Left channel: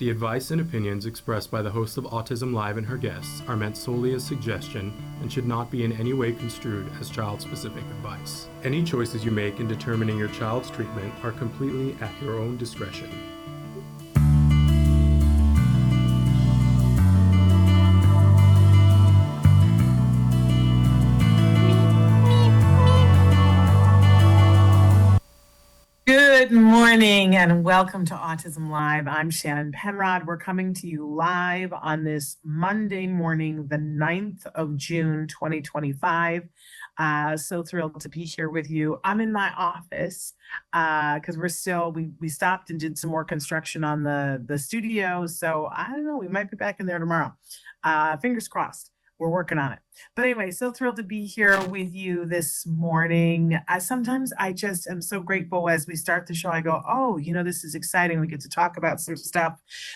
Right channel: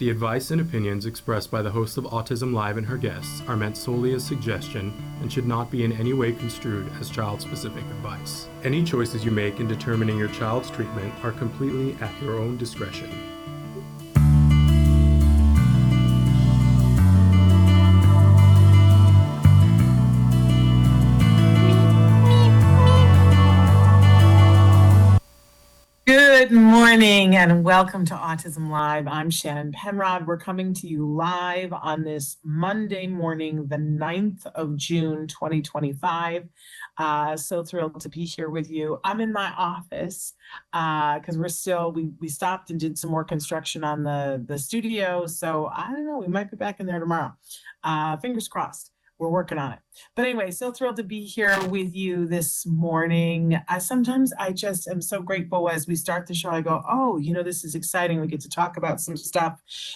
The advice and opinions expressed by the host of Autism Live and her guests are meant solely as suggestion and should not be in any way construed as child-specific advice. Any choices you make in determining your child's treatment are completely at your own discretion. Good morning and welcome to Autism Live. I'm Shannon Penrod. We're coming to you live on this Monday morning, the 9th of June, 2025. So thrilled to be here with you. I'm in my office because we stopped and did some more construction on the studio. So I don't know, we might be back in there tomorrow. Fingers crossed. We're working on it. But anyway, so thrilled to be here with you this morning. Sometimes I just am so grateful as we start the show. I go, oh, this is exciting. We get to talk about some stuff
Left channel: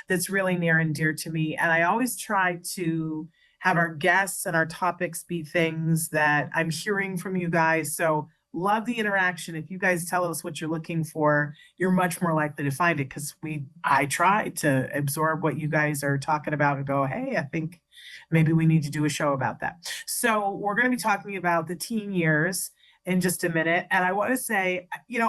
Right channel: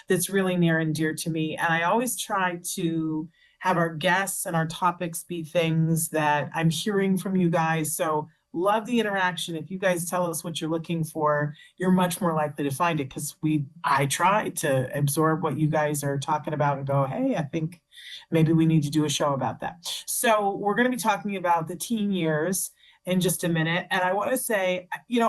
that's really near and dear to me. And I always try to have our guests and our topics be things that I'm hearing from you guys. So love the interaction. If you guys tell us what you're looking for, you're much more likely to find it because I try to absorb what you guys are talking about and go, hey, I think maybe we need to do a show about that. So we're going to be talking about the teen years in just a minute. And I want to say,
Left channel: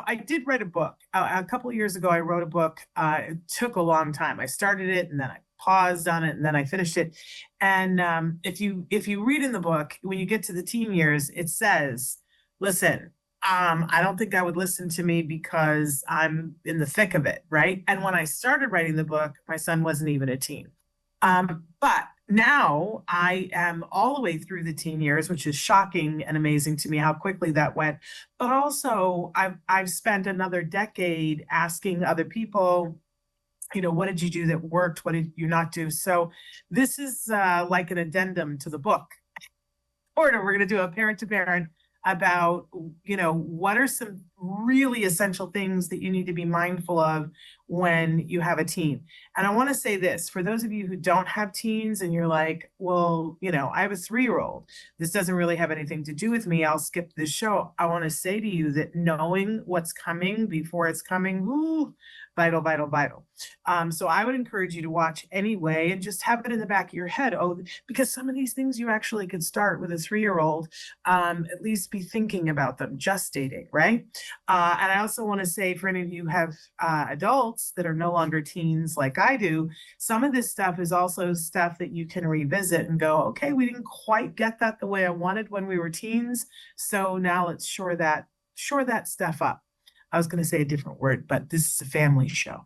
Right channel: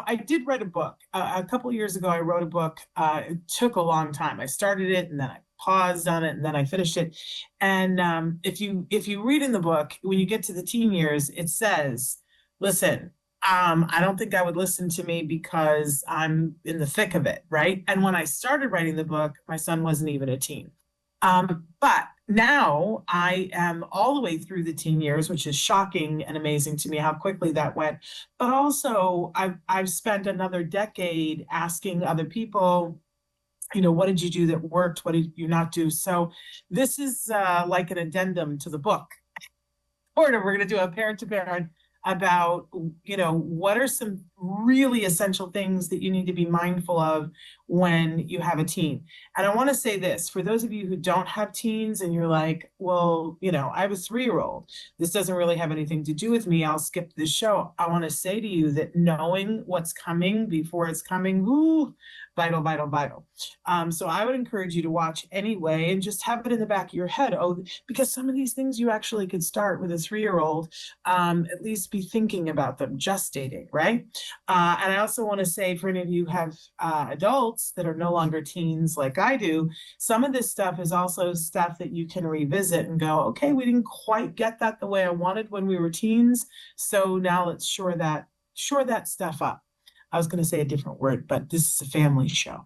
I did write a book. A couple of years ago, I wrote a book. It took a long time. I started it and then I paused on it and then I finished it. And if you read in the book, when you get to the teen years, it says, listen, I don't think I would listen to me because I'm in the thick of it, right? And when I started writing the book, my son wasn't even a teen. But now I am all the way through the teen years, which is shocking and amazing to me how quickly that went. But also I've spent another decade asking other people, what did you do that worked? What did you not do? So this is like an addendum to the book. Or we're going to do a parent to parent about, what are some really essential things that you need to be mindful of when you have a teen. And I want to say this, for those of you who don't have teens and you're like, well, I have a 3-year-old. This doesn't really have anything to do with me. I'll skip this show. I want to say to you that knowing what's coming before it's coming, vital, vital, vital. So I would encourage you to watch anyway and just have it in the back of your head. Oh, because some of these things you actually could start with a 3-year-old, at least be thinking about them, just dating, right? And I also want to say for any of you who have adults that are no longer teens like I do, some of this stuff is also stuff that you can revisit and go, okay, we didn't quite get that the way I wanted when we were teens. So now let's shore that stuff up. I was going to say a different word, but this is a family show.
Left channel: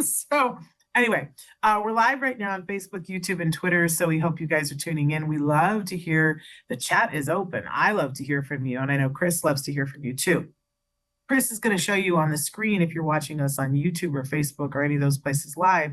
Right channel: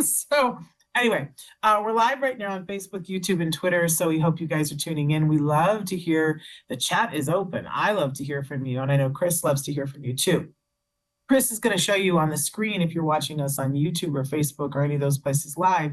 So anyway, we're live right now on Facebook, YouTube, and Twitter. So we hope you guys are tuning in. We love to hear. The chat is open. I love to hear from you. And I know Chris loves to hear from you too. Chris is going to show you on the screen, if you're watching us on YouTube or Facebook or any of those places live,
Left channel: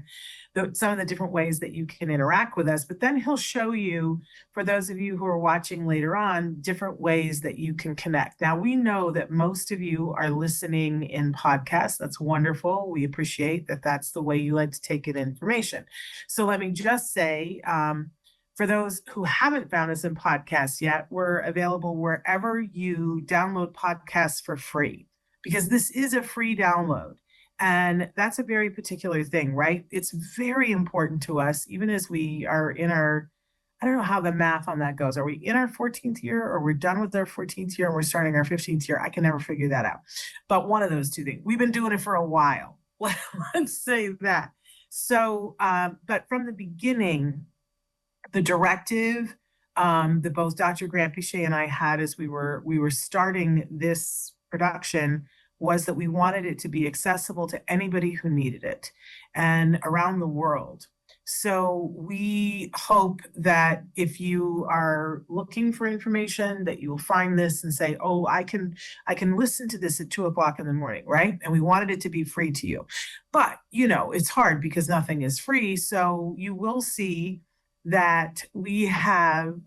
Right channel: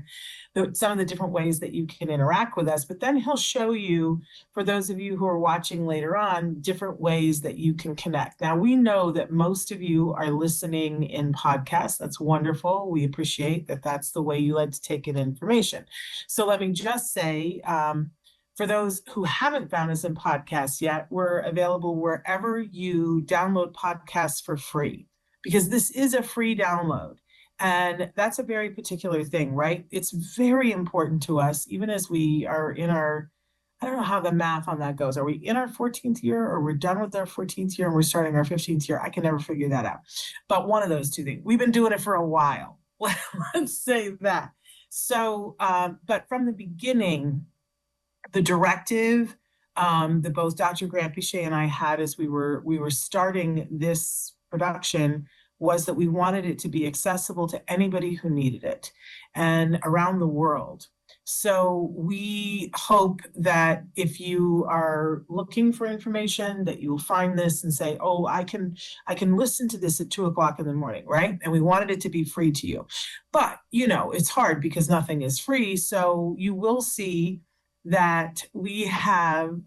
some of the different ways that you can interact with us. But then he'll show you, for those of you who are watching later on, different ways that you can connect. Now, we know that most of you are listening in podcasts. That's wonderful. We appreciate that that's the way you like to take in information. So let me just say, for those who haven't found us in podcasts yet, we're available wherever you download podcasts for free, because this is a free download. And that's a very particular thing, right? It's very important to us, even as we are in I don't know how the math on that goes. Are we in our 14th year or we're done with our 14th year and we're starting our 15th year? I can never figure that out. But one of those two things. We've been doing it for a while. Let's say that. So, but from the beginning, the directive that both Dr. Grant Pichet and I had as we were starting this production was that we wanted it to be accessible to anybody who needed it and around the world. So we hope that if you are looking for information, that you will find this and say, oh, I can listen to this at 2:00 in the morning, right? And we wanted it to be free to you. But, it's hard because nothing is free. So you will see that we have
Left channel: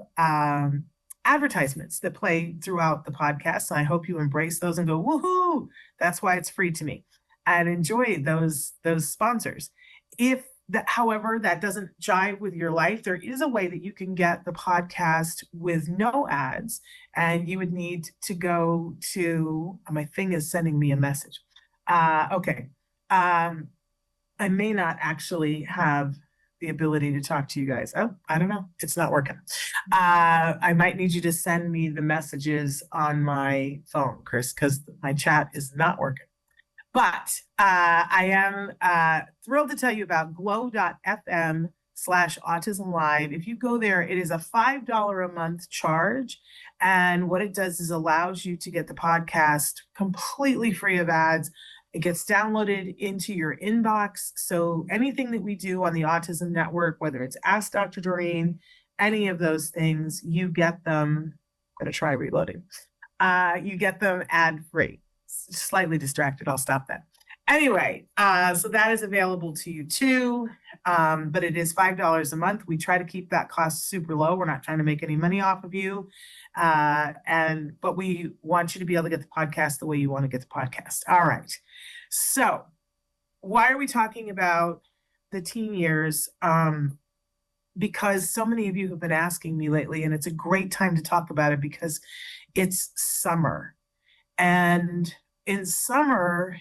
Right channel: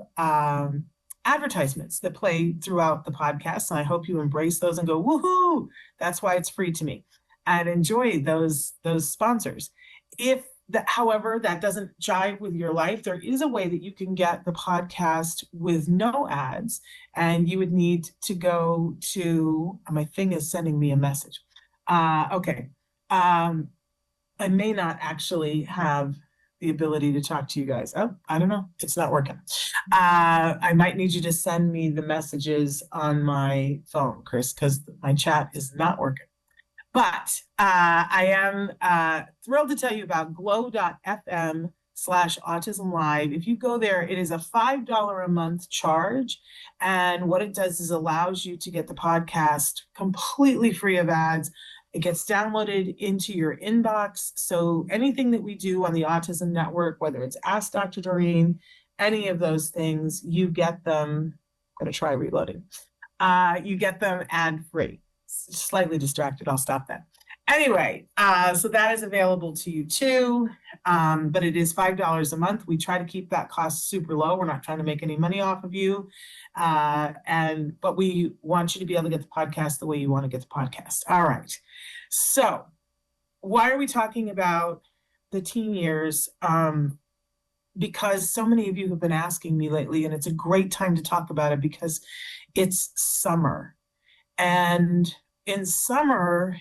advertisements that play throughout the podcast. And I hope you embrace those and go, woohoo, that's why it's free to me. And enjoy those sponsors. If that, however, that doesn't jive with your life, there is a way that you can get the podcast with no ads. And you would need to go to, my thing is sending me a message. Okay. I may not actually have the ability to talk to you guys. Oh, I don't know. It's not working. I might need you to send me the messages on my phone, Chris, because my chat is not working. But I am thrilled to tell you about glow.fm/autism live. If you go there, it is a $5 a month charge. And what it does is allows you to get the podcast completely free of ads. It gets downloaded into your inbox. So anything that we do on the Autism Network, whether it's Ask Dr. Doreen, any of those things, you get them. I'm going to try reloading. You get them ad free. Slightly distracted. I'll stop that. Anyway, so that is available to you too. But it is $5 a month. We try to keep that cost super low. We're not trying to make any money off of you. But we want you to be able to get the podcast the way you want to get the podcast. All right. So why are we talking about the teen years? Because so many of you have been asking me lately, and it's a great time to talk about it because it's summer. And in summer,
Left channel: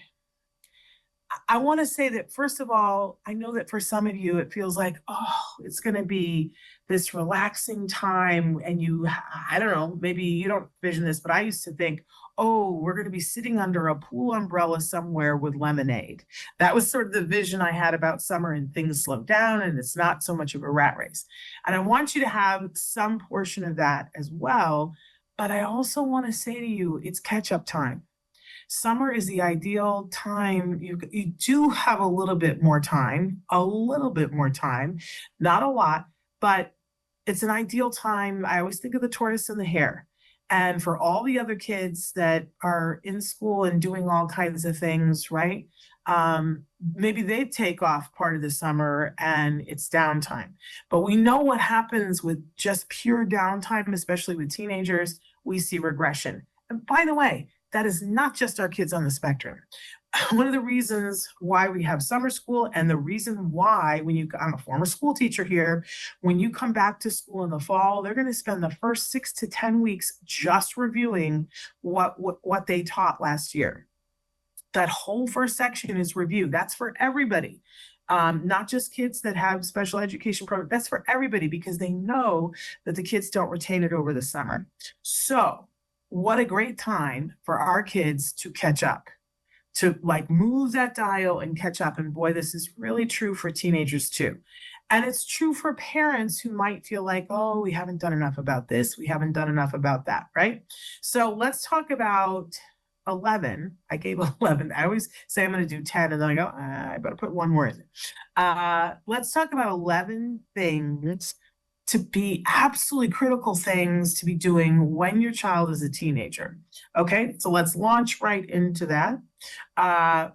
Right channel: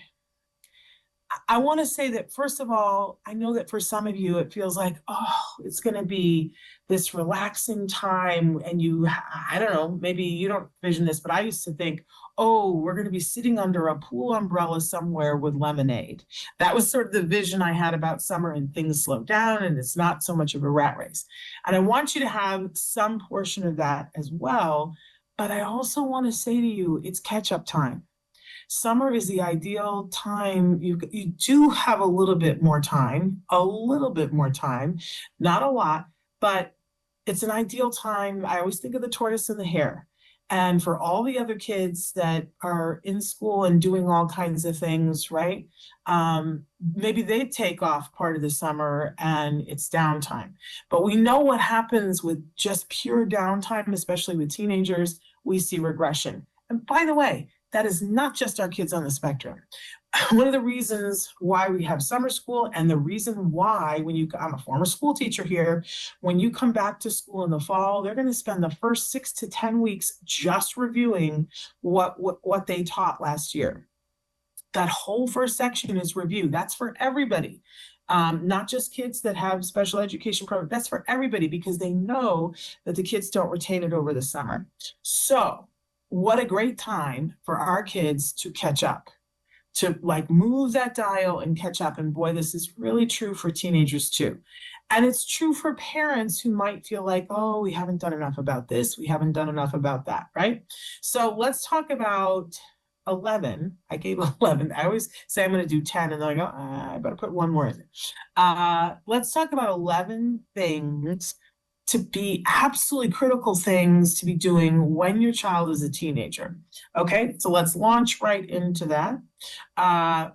I want to say that, first of all, I know that for some of you, it feels like, oh, it's going to be this relaxing time. And I don't know, maybe you don't vision this, but I used to think, oh, we're going to be sitting under a pool umbrella somewhere with lemonade. That was sort of the vision I had about summer, and things slow down and it's not so much of a rat race. And I want you to have some portion of that as well. But I also want to say to you, it's catch-up time. Summer is the ideal time. You do have a little bit more time, not a lot, but it's an ideal time. I always think of the tortoise and the hare. And for all the other kids that are in school and doing all kinds of things, right? Maybe they take off part of the summer and it's downtime. But we know what happens with just pure downtime, especially with teenagers. We see regression. And by the way, that is not just our kids on the spectrum. One of the reasons why we have summer school, and the reason why I'm a former school teacher here, when you come back to school in the fall, they're going to spend the first 6 to 10 weeks just reviewing what they taught last year. That whole first section is review. That's for everybody. Not just kids that have special education programs. That's for everybody, because they know that the kids don't retain it over the summer. So what a great time for our kids to catch up, to like move that dial and catch up. And boy, this is really true for teenagers too. And it's true for parents who might feel like, oh, we haven't done enough about this. We haven't done enough about that, right? So let's talk about 11. I gave 11. I always say I'm going to do 10, and then I go, I better put one more in. Let's talk about 11 things to be absolutely critical things to be doing when your child is a teenager. Okay, so let's launch right into that.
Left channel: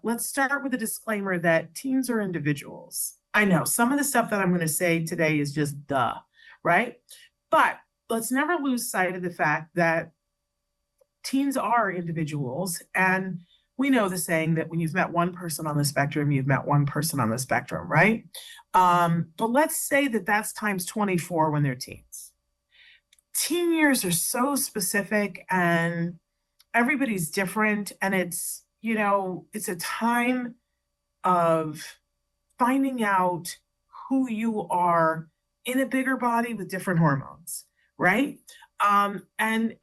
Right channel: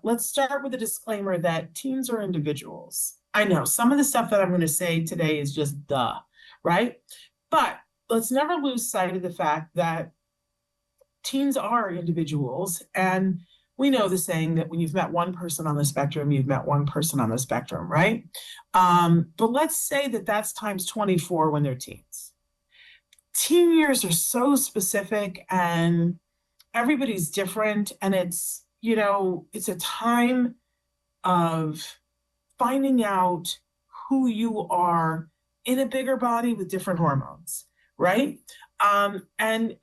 Let's start with a disclaimer that teens are individuals. I know some of the stuff that I'm going to say today is just duh, right? But let's never lose sight of the fact that teens are individuals. And we know the saying that when you've met one person on the spectrum, you've met one person on the spectrum, right? But let's say that that's times 24 when they're teens. Teen years are so specific and everybody's different. And it's a time of finding out who you are in a bigger body with different hormones, right? And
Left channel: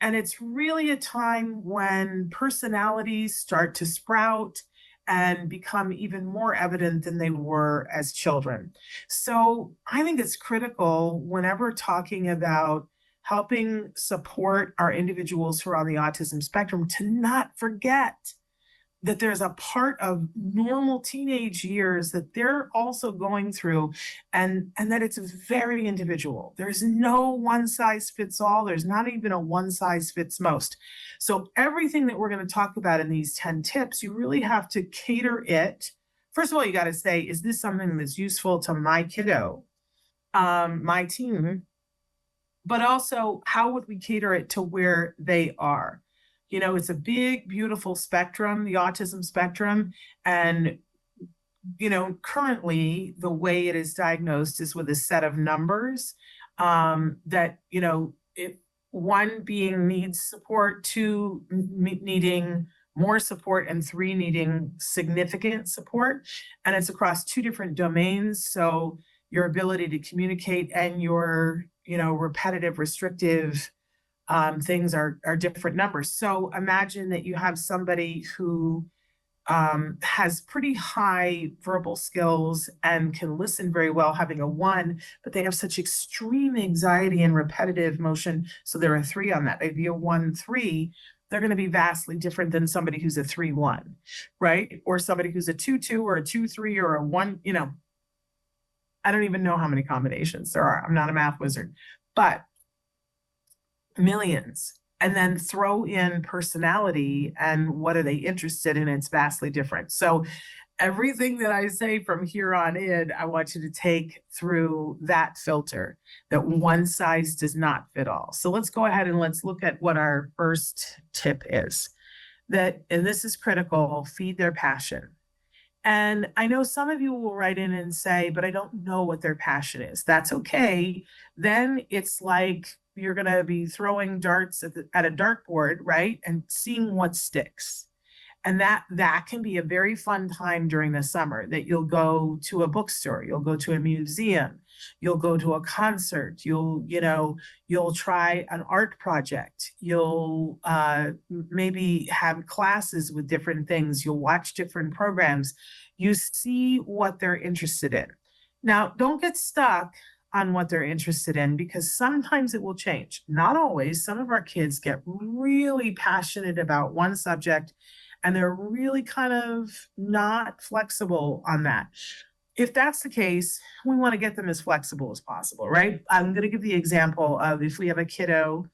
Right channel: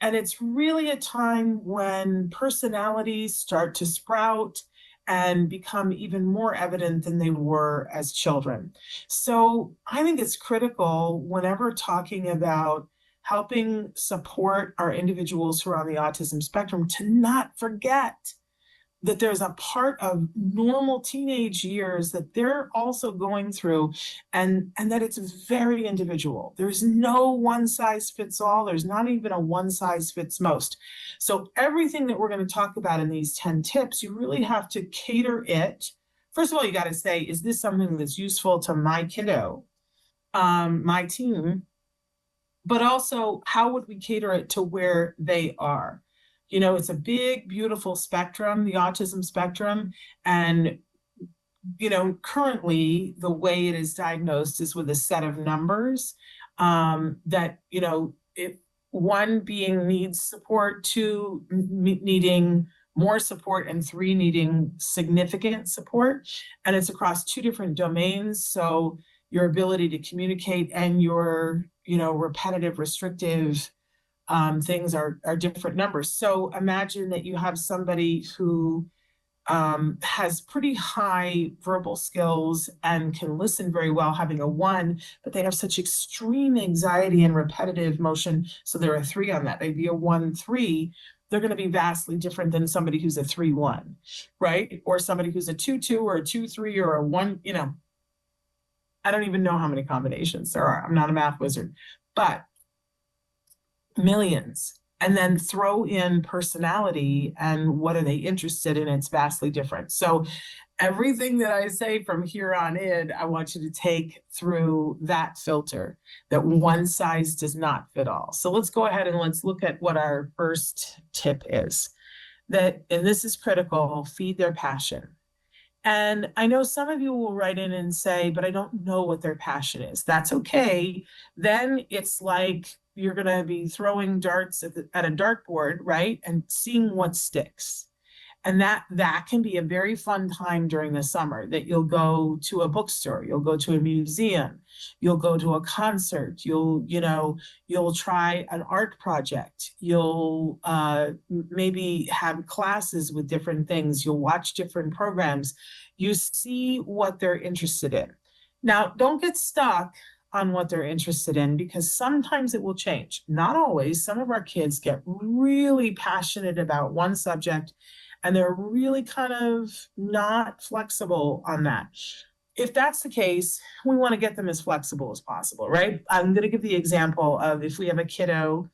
it's really a time when personalities start to sprout and become even more evident than they were as children. So I think it's critical whenever talking about helping support our individuals who are on the autism spectrum to not forget that there's a part of normal teenage years that they're also going through, and that it's very individual. There's no one size fits all. There's not even a one size fits most. So everything that we're going to talk about in these 10 tips, you really have to cater it. First of all, you got to say, is this something that's useful to my kiddo, my teen? But also, how would we cater it to where they are? It's a big, beautiful spectrum, the autism spectrum. And, currently the way it is diagnosed is with a set of numbers that, one being needs support, two needing more support, and 3 needing significant support. And it's across 2 different domains. So your ability to communicate and your, repetitive, restrictive things are different numbers. So imagine that you have somebody who has pretty high verbal skills and can listen very well, having a 1, but they have such extreme anxiety and repetitive motion. So they're a 3 on that. Maybe a 1 and 3. They're going to be vastly different than somebody who's a 3-1, right? Or somebody who's a 2-2 or a 2-3 or a 1, I don't even know how many combinations there are. I'm not a math wizard, but millions. And then throw in personality and what are they interested in? It's vastly different. So everything that I say from here on in, I want you to take through that filter, that one size does not fit all. So let's go ahead and let's look at what our first tip is. And this is critical, feed their passion. And I know some of you will write in and say, but I don't know what their passion is. That's okay. Then it's like you're going to be throwing darts at a dartboard, right? And seeing what sticks. And that can be a very fun time during the summer, that you'll go to a bookstore, you'll go to a museum, you'll go to a concert, you'll try an art project, you'll maybe have classes with different things, you'll watch different programs, you see what they're interested in. Now, don't get stuck on what they're interested in, because sometimes it will change. Not always. Some of our kids get really passionate about one subject and they're really kind of not flexible on that. If that's the case, we want to get them as flexible as possible, right? I'm going to give the example of if we have a kiddo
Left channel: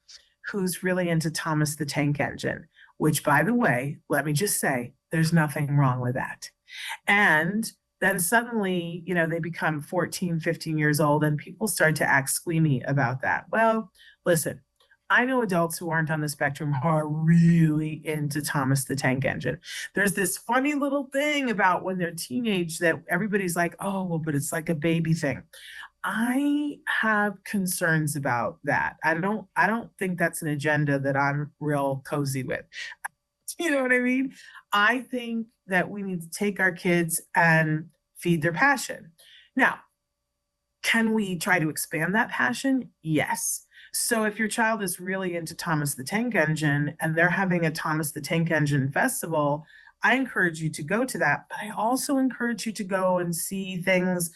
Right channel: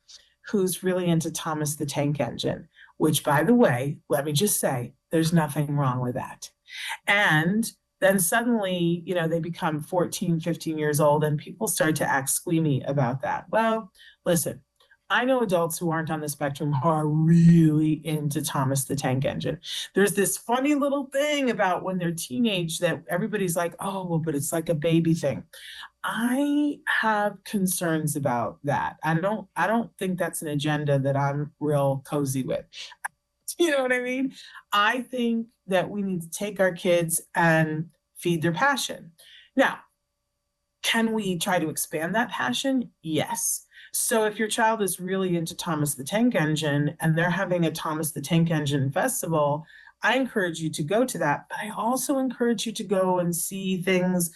who's really into Thomas the Tank Engine, which, by the way, let me just say, there's nothing wrong with that. And then suddenly, they become 14, 15 years old and people start to act squeamy about that. Well, listen, I know adults who aren't on the spectrum who are really into Thomas the Tank Engine. There's this funny little thing about when they're teenage that everybody's like, oh, well, but it's like a baby thing. I have concerns about that. I don't think that's an agenda that I'm real cozy with. You know what I mean? I think that we need to take our kids and feed their passion. Now, can we try to expand that passion? Yes. So if your child is really into Thomas the Tank Engine and they're having a Thomas the Tank Engine festival, I encourage you to go to that. But I also encourage you to go and see things,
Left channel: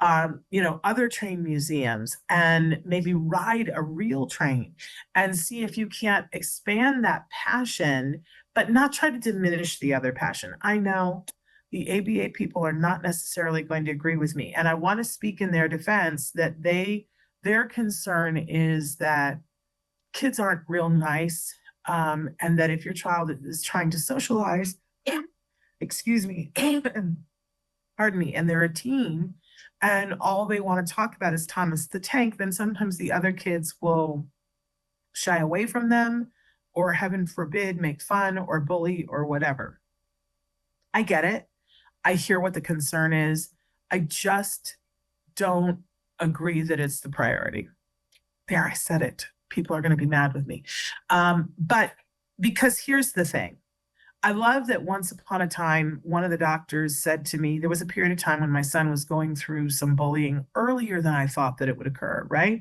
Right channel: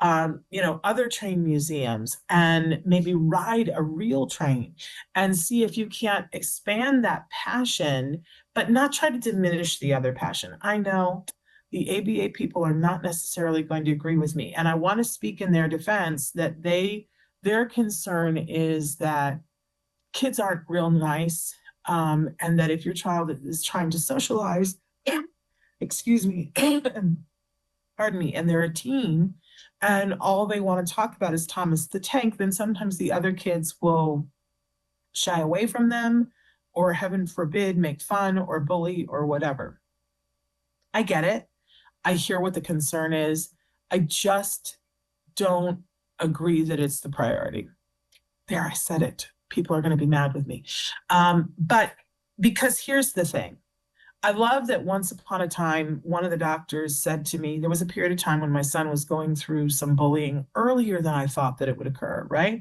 other train museums, and maybe ride a real train and see if you can't expand that passion, but not try to diminish the other passion. I know the ABA people are not necessarily going to agree with me. And I want to speak in their defense that their concern is that kids aren't real nice. And that if your child is trying to socialize, excuse me, pardon me, and they're a teen and all they want to talk about is Thomas the Tank, then sometimes the other kids will shy away from them or, heaven forbid, make fun or bully or whatever. I get it. I hear what the concern is. I just don't agree that it's the priority. There, I said it. People are going to be mad with me. But because here's the thing. I love that once upon a time, one of the doctors said to me, there was a period of time when my son was going through some bullying earlier than I thought that it would occur, right?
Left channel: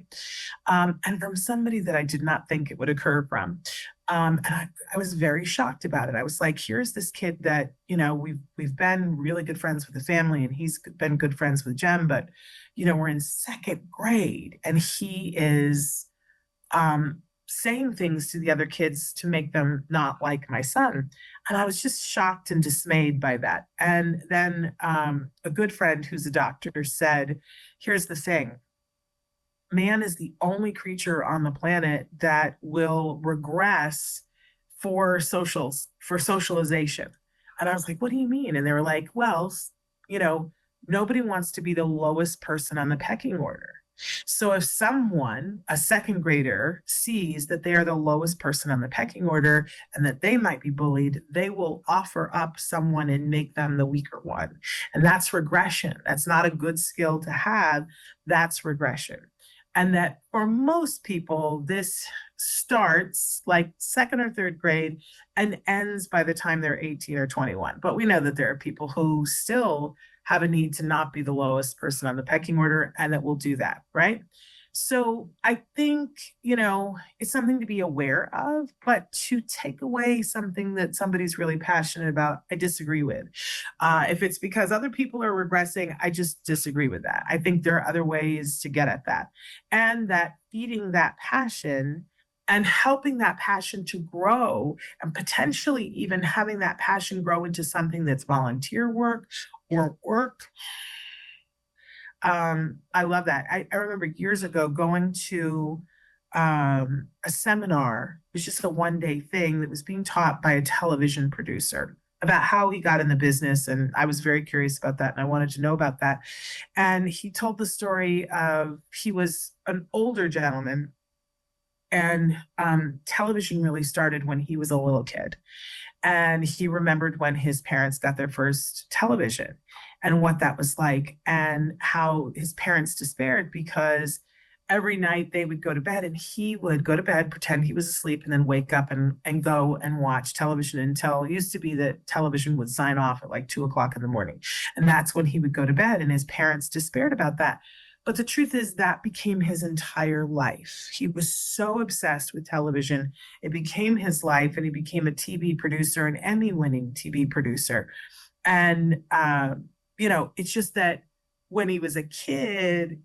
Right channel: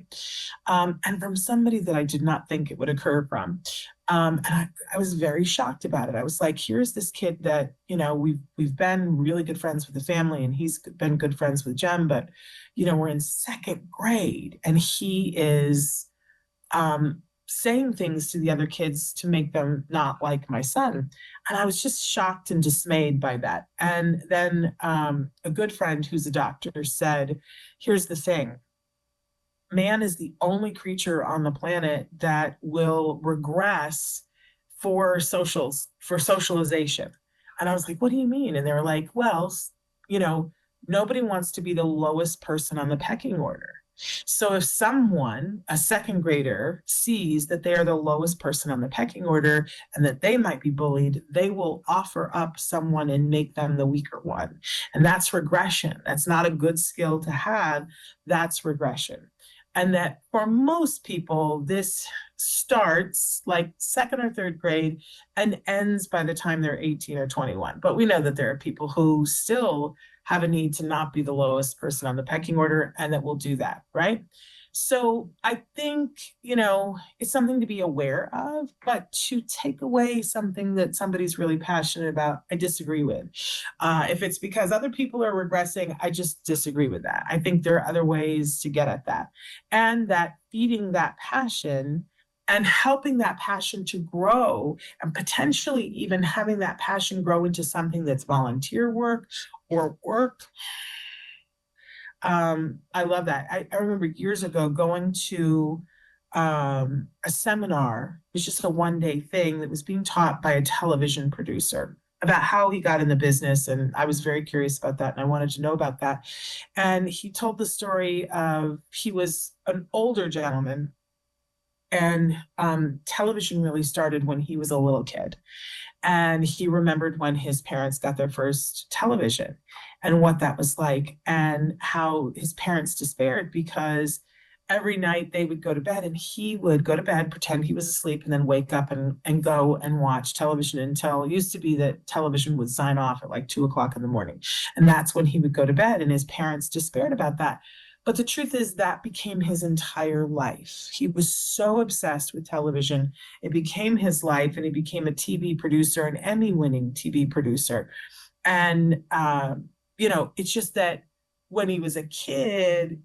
And from somebody that I did not think it would occur from. And I was very shocked about it. I was like, here's this kid that, we've been really good friends with the family and he's been good friends with Jen, but, we're in second grade and he is saying things to the other kids to make them not like my son. And I was just shocked and dismayed by that. And then a good friend who's a doctor said, here's the thing. Man is the only creature on the planet that will regress for socialization. And I was like, what do you mean? And they were like, well, nobody wants to be the lowest person on the pecking order. So if someone, a second grader, sees that they are the lowest person on the pecking order and that they might be bullied, they will offer up someone and make them the weaker one. And that's regression. That's not a good skill to have. That's regression. And that for most people, this starts like second or third grade and ends by the time they're 18 or 21. But we know that there are people who still have a need to not be the lowest person on the pecking order and that will do that, right? So I think, it's something to be aware of, but to take away something that somebody's really passionate about, I disagree with. If it's because other people are regressing, I just disagree with that. I think there are other ways to get at that. And that feeding that passion and helping that passion to grow and potentially even having that passion grow into something that's volunteer work or work. I love that. I remember years ago going to a seminar. It was just a one-day thing that was being taught by a television producer about how he got in the business. And I was very curious about that. And I wanted to know about that. And he told the story of he was an older gentleman and television really started when he was a little kid. And he remembered when his parents got their first television and what that was like, and how his parents despaired because every night they would go to bed and he would go to bed, pretend he was asleep, and then wake up and go and watch television until it used to be that television would sign off at like 2 o'clock in the morning. And that's when he would go to bed. And his parents despaired about that. But the truth is that became his entire life. He was so obsessed with television. It became his life, and he became a TV producer, an Emmy-winning TV producer. And, it's just that when he was a kid,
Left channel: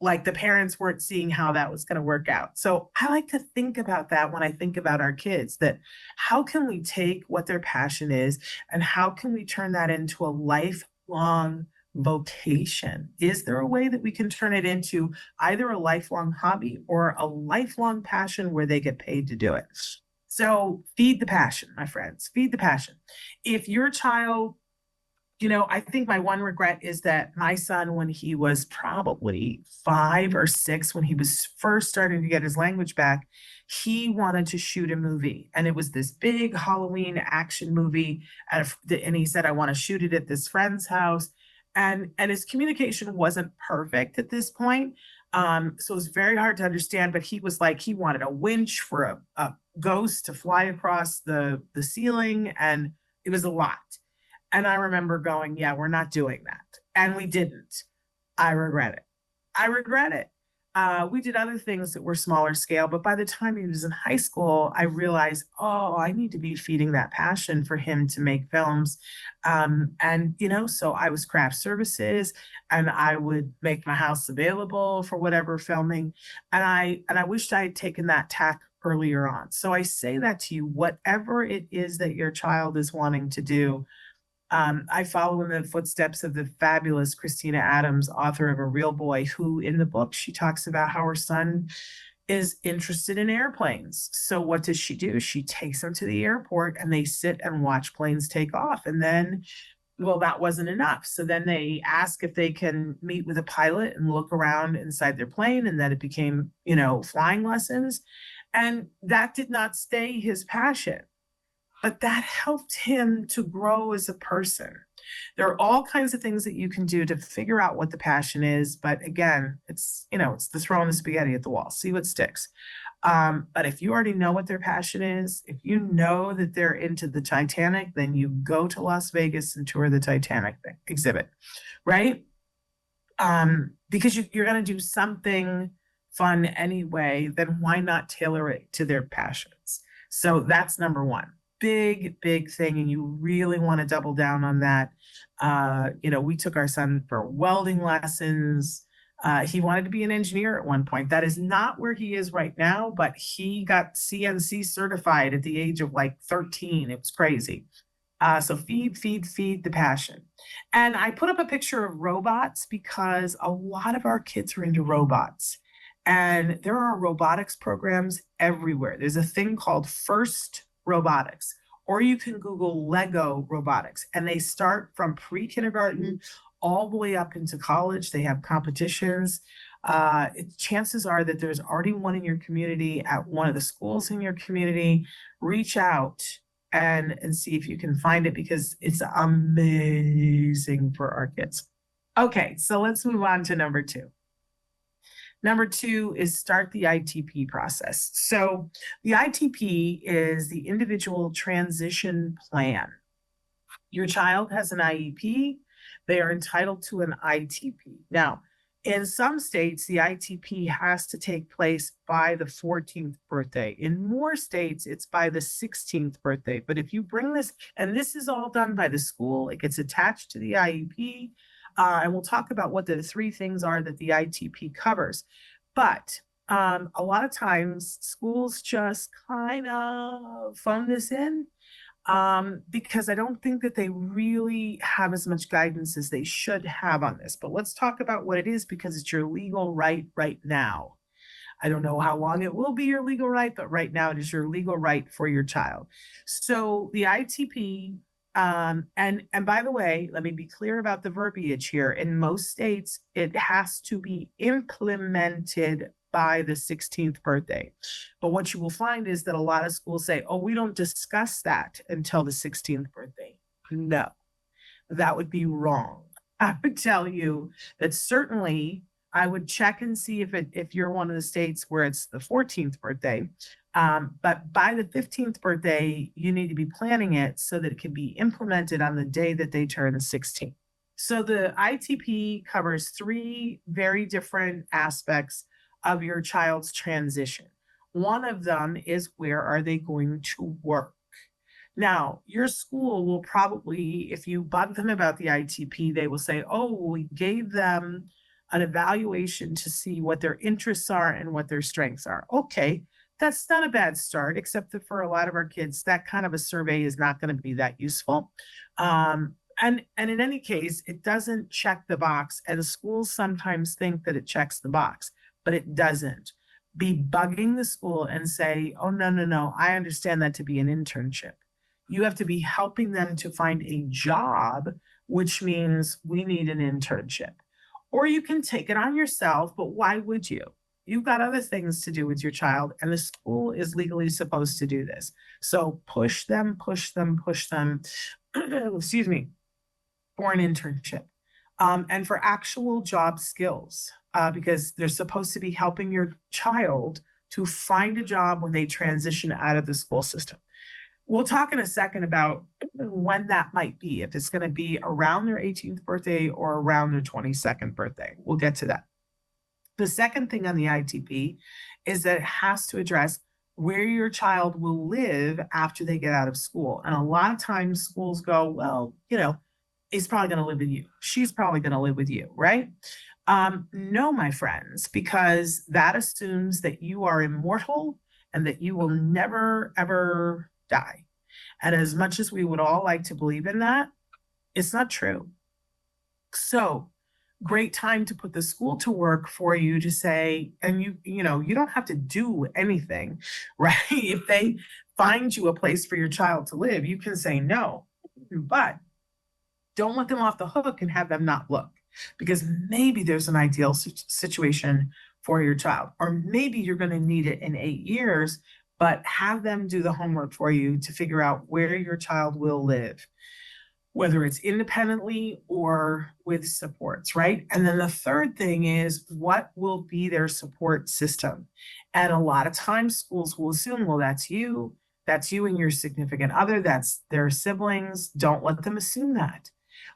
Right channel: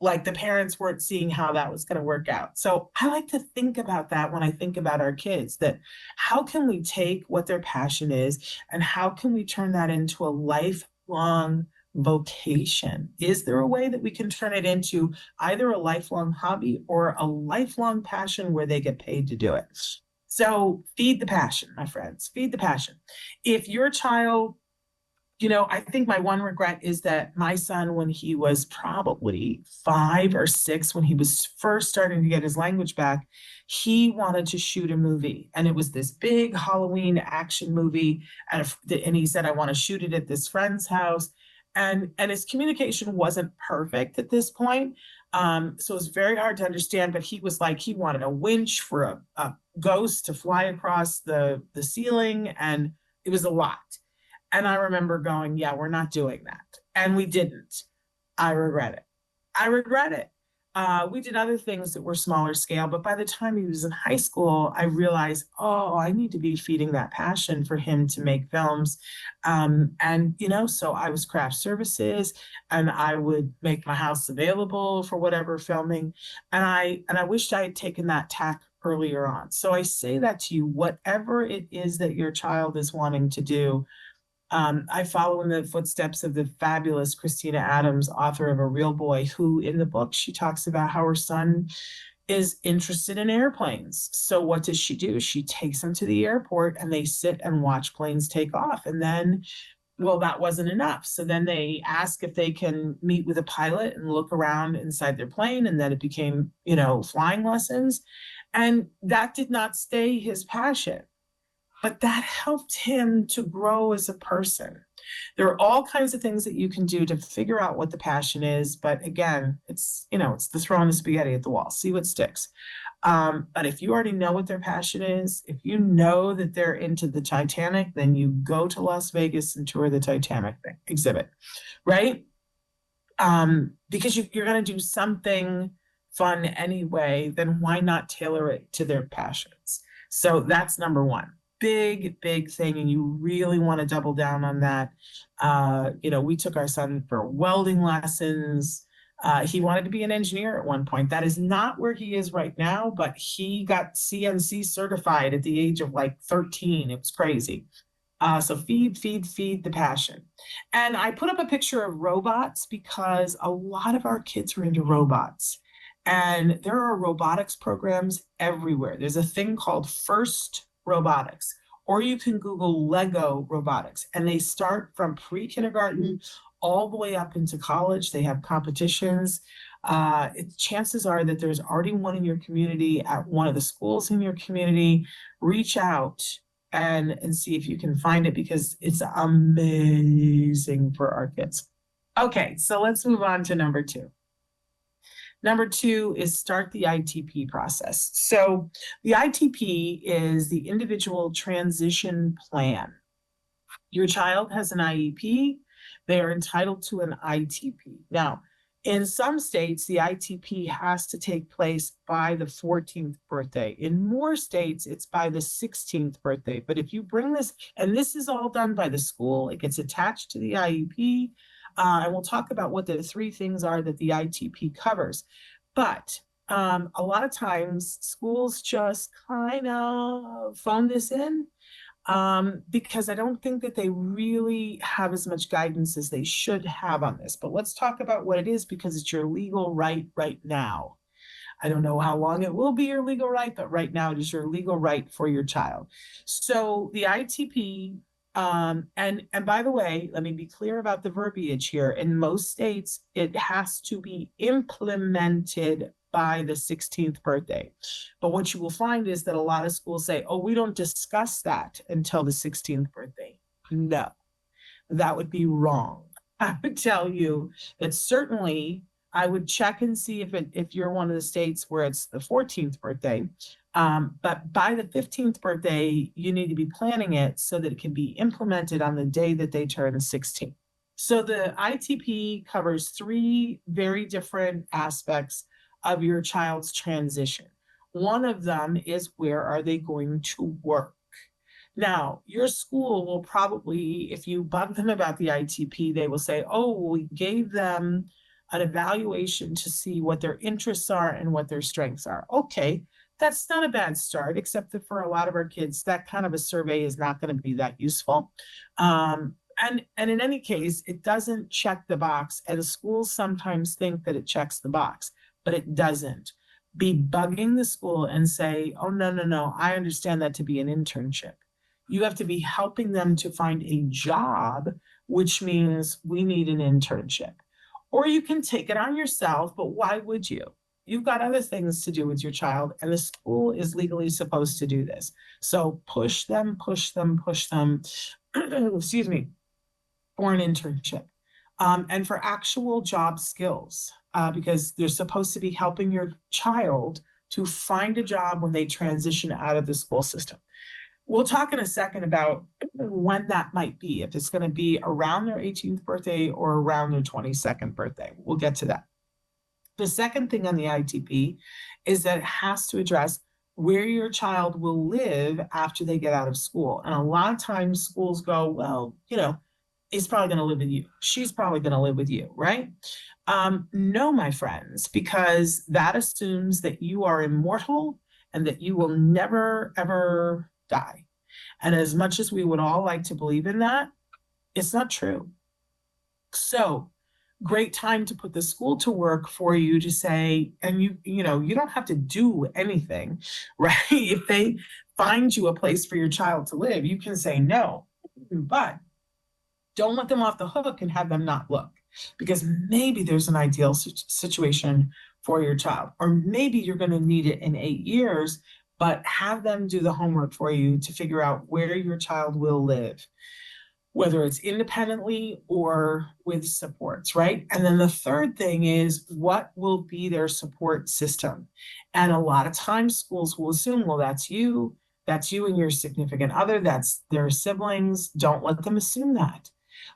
like the parents weren't seeing how that was going to work out. So I like to think about that when I think about our kids, that how can we take what their passion is and how can we turn that into a lifelong vocation? Is there a way that we can turn it into either a lifelong hobby or a lifelong passion where they get paid to do it? So feed the passion, my friends, feed the passion. If your child, I think my one regret is that my son, when he was probably 5 or 6, when he was first starting to get his language back, he wanted to shoot a movie. And it was this big Halloween action movie. And he said, I want to shoot it at this friend's house. And his communication wasn't perfect at this point. So it was very hard to understand, but he was like, he wanted a winch for a ghost to fly across the ceiling. And it was a lot. And I remember going, yeah, we're not doing that. And we didn't. I regret it. I regret it. We did other things that were smaller scale, but by the time he was in high school, I realized, oh, I need to be feeding that passion for him to make films. So I was craft services and I would make my house available for whatever filming. And I wished I had taken that tack earlier on. So I say that to you, whatever it is that your child is wanting to do. I follow in the footsteps of the fabulous Christina Adams, author of A Real Boy, who in the book, she talks about how her son is interested in airplanes. So what does she do? She takes him to the airport and they sit and watch planes take off. And then, well, that wasn't enough. So then they ask if they can meet with a pilot and look around inside their plane. And then it became, flying lessons. And that did not stay his passion. But that helped him to grow as a person. There are all kinds of things that you can do to figure out what the passion is. But again, it's the throwing the spaghetti at the wall, see what sticks. But if you already know what their passion is, if you know that they're into the Titanic, then you go to Las Vegas and tour the Titanic exhibit, right? Because you're going to do something fun anyway, then why not tailor it to their passions? So that's number one. Big thing, and you really want to double down on that. We took our son for welding lessons. He wanted to be an engineer at one point. That is not where he is right now, but he got CNC certified at the age of like 13. It's crazy. So feed the passion. And I put up a picture of robots because a lot of our kids are into robots. And there are robotics programs everywhere. There's a thing called First Robotics, or you can Google Lego robotics, and they start from pre-kindergarten all the way up into college. They have competitions. Chances are that there's already one in your community at one of the schools in your community. Reach out and see if you can find it because it's amazing for our kids. Okay, so let's move on to number 2. Number two is start the ITP process. So the ITP is the individual transition plan. Your child has an IEP, they are entitled to an ITP. Now, in some states, the ITP has to take place by the 14th birthday. In more states, it's by the 16th birthday. But if you bring this, and this is all done by the school, it gets attached to the IEP. I will talk about what the three things are that the ITP covers. But a lot of times, schools just kind of fund this in because I don't think that they really have as much guidance as they should have on this. But let's talk about what it is because it's your legal right now. I don't know how long it will be your legal right, but right now it is your legal right for your child. So the ITP, and by the way, let me be clear about the verbiage here. In most states, it has to be implemented by the 16th birthday. But what you will find is that a lot of schools say, oh, we don't discuss that until the 16th birthday. No, that would be wrong. I would tell you that certainly I would check and see if you're one of the states where it's the 14th birthday. But by the 15th birthday, you need to be planning it so that it can be implemented on the day that they turn 16. So the ITP covers three very different aspects of your child's transition. One of them is where are they going to work? Now, your school will probably, if you bug them about the ITP, they will say, oh, we gave them an evaluation to see what their interests are and what their strengths are. Okay, that's not a bad start, except that for a lot of our kids, that kind of a survey is not going to be that useful. And in any case, it doesn't check the box. And schools sometimes think that it checks the box, but it doesn't. Be bugging the school and say, oh, no, I understand that to be an internship. You have to be helping them to find a job, which means we need an internship. Or you can take it on yourself, but why would you? You've got other things to do with your child, and the school is legally supposed to do this. So push them, excuse me, for an internship and for actual job skills, because they're supposed to be helping your child to find a job when they transition out of the school system. We'll talk in a second about when that might be, if it's going to be around their 18th birthday or around their 22nd birthday. We'll get to that. The second thing on the ITP is that it has to address where your child will live after they get out of school. And a lot of times schools go, well, he's probably going to live with you. She's probably going to live with you, right? No, my friends, because that assumes that you are immortal and that you will never, ever die. And as much as we would all like to believe in that, it's not true. So great time to put the school to work for you to say, and you don't have to do anything, right? If they find you a place for your child to live, you can say no, but don't let them off the hook and have them not look, because maybe there's an ideal situation for your child, or maybe you're going to need it in 8 years, but have them do the homework for you to figure out where your child will live, whether it's independently or with supports, right? And then the third thing is what will be their support system? And a lot of times schools will assume, well, that's you and your significant other, that's their siblings. Don't let them assume that.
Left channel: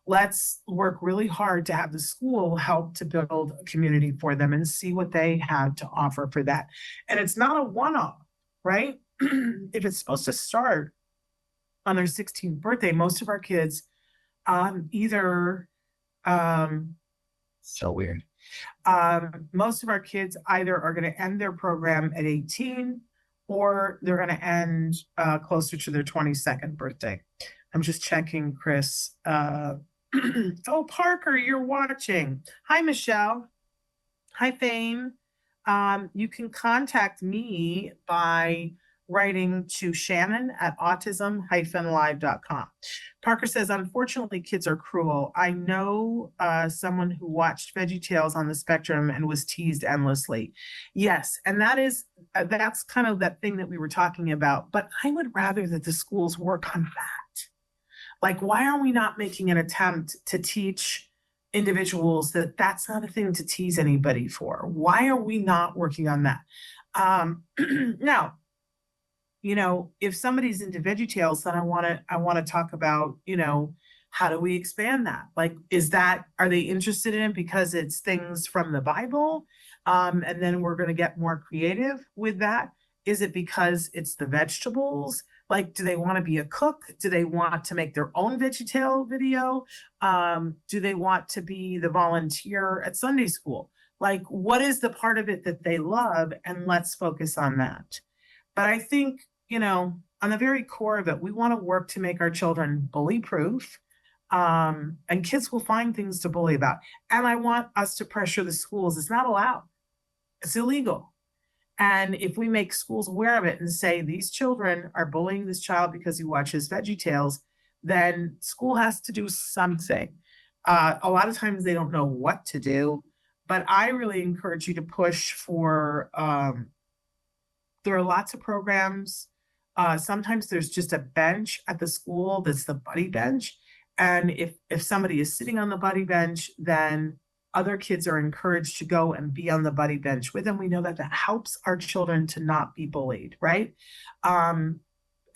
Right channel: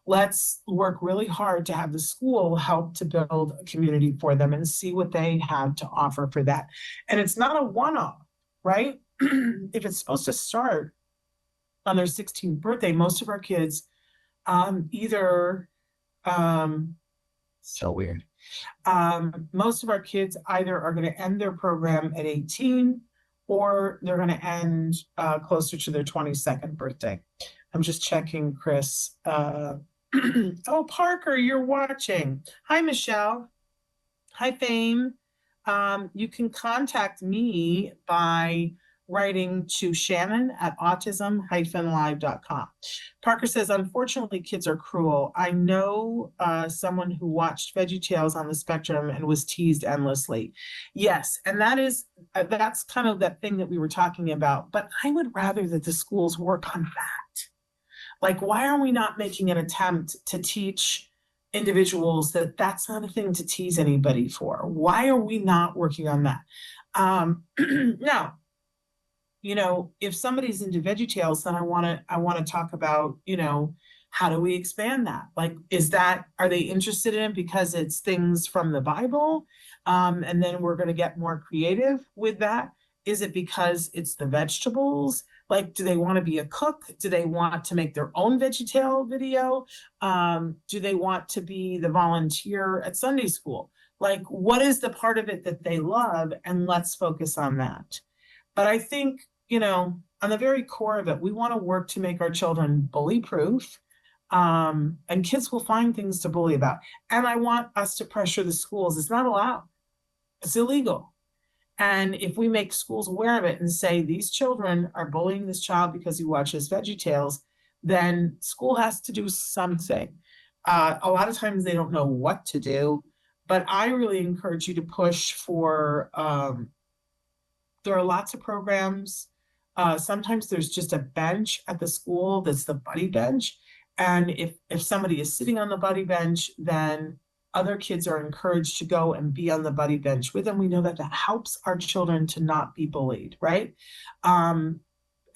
Let's work really hard to have the school help to build a community for them and see what they have to offer for that. And it's not a one-off, right? If it's supposed to start on their 16th birthday, most of our kids either, so weird. Most of our kids either are going to end their program at 18 or they're going to end closer to their 22nd birthday. I'm just checking, Chris. Oh, Parker, you're watching. Hi, Michelle. Hi, Fame. You can contact me by writing to Shannon at autism-live.com. Parker says, unfortunately, kids are cruel. I know someone who watched VeggieTales on the spectrum and was teased endlessly. Yes, and that's kind of that thing that we were talking about. But I would rather that the schools work on that. Like, why are we not making an attempt to teach individuals that that's not a thing to tease anybody for. Why are we not working on that? Um, now, if somebody's into VeggieTales, then I want to talk about, how do we expand that? Like, are they interested in it because it's things from the Bible? And then we're going to get more creative with that. Is it because it's the vegetables? Like, do they want to be a cook? Do they want to make their own VeggieTale video? Do they want to be the volunteer at Sunday school? Like, what is the part of it that they love? And let's focus on that. And I think, on the very core of it, we want to work to make our children bully proof. And kids will find things to bully about. And I want us to pressure the schools. It's not allowed. It's illegal. And if we make schools aware of it and say these children are bullying this child because he watches VeggieTales, then school has to do something. A lot of times they don't know what to do, but I really encourage you to push for, there are lots of programs. Sometimes there's just a bench at the school that's the buddy bench. And if somebody is sitting on the buddy bench, then other kids are encouraged to go and be on the buddy bench with them. We know that that helps our children to not be bullied, right? And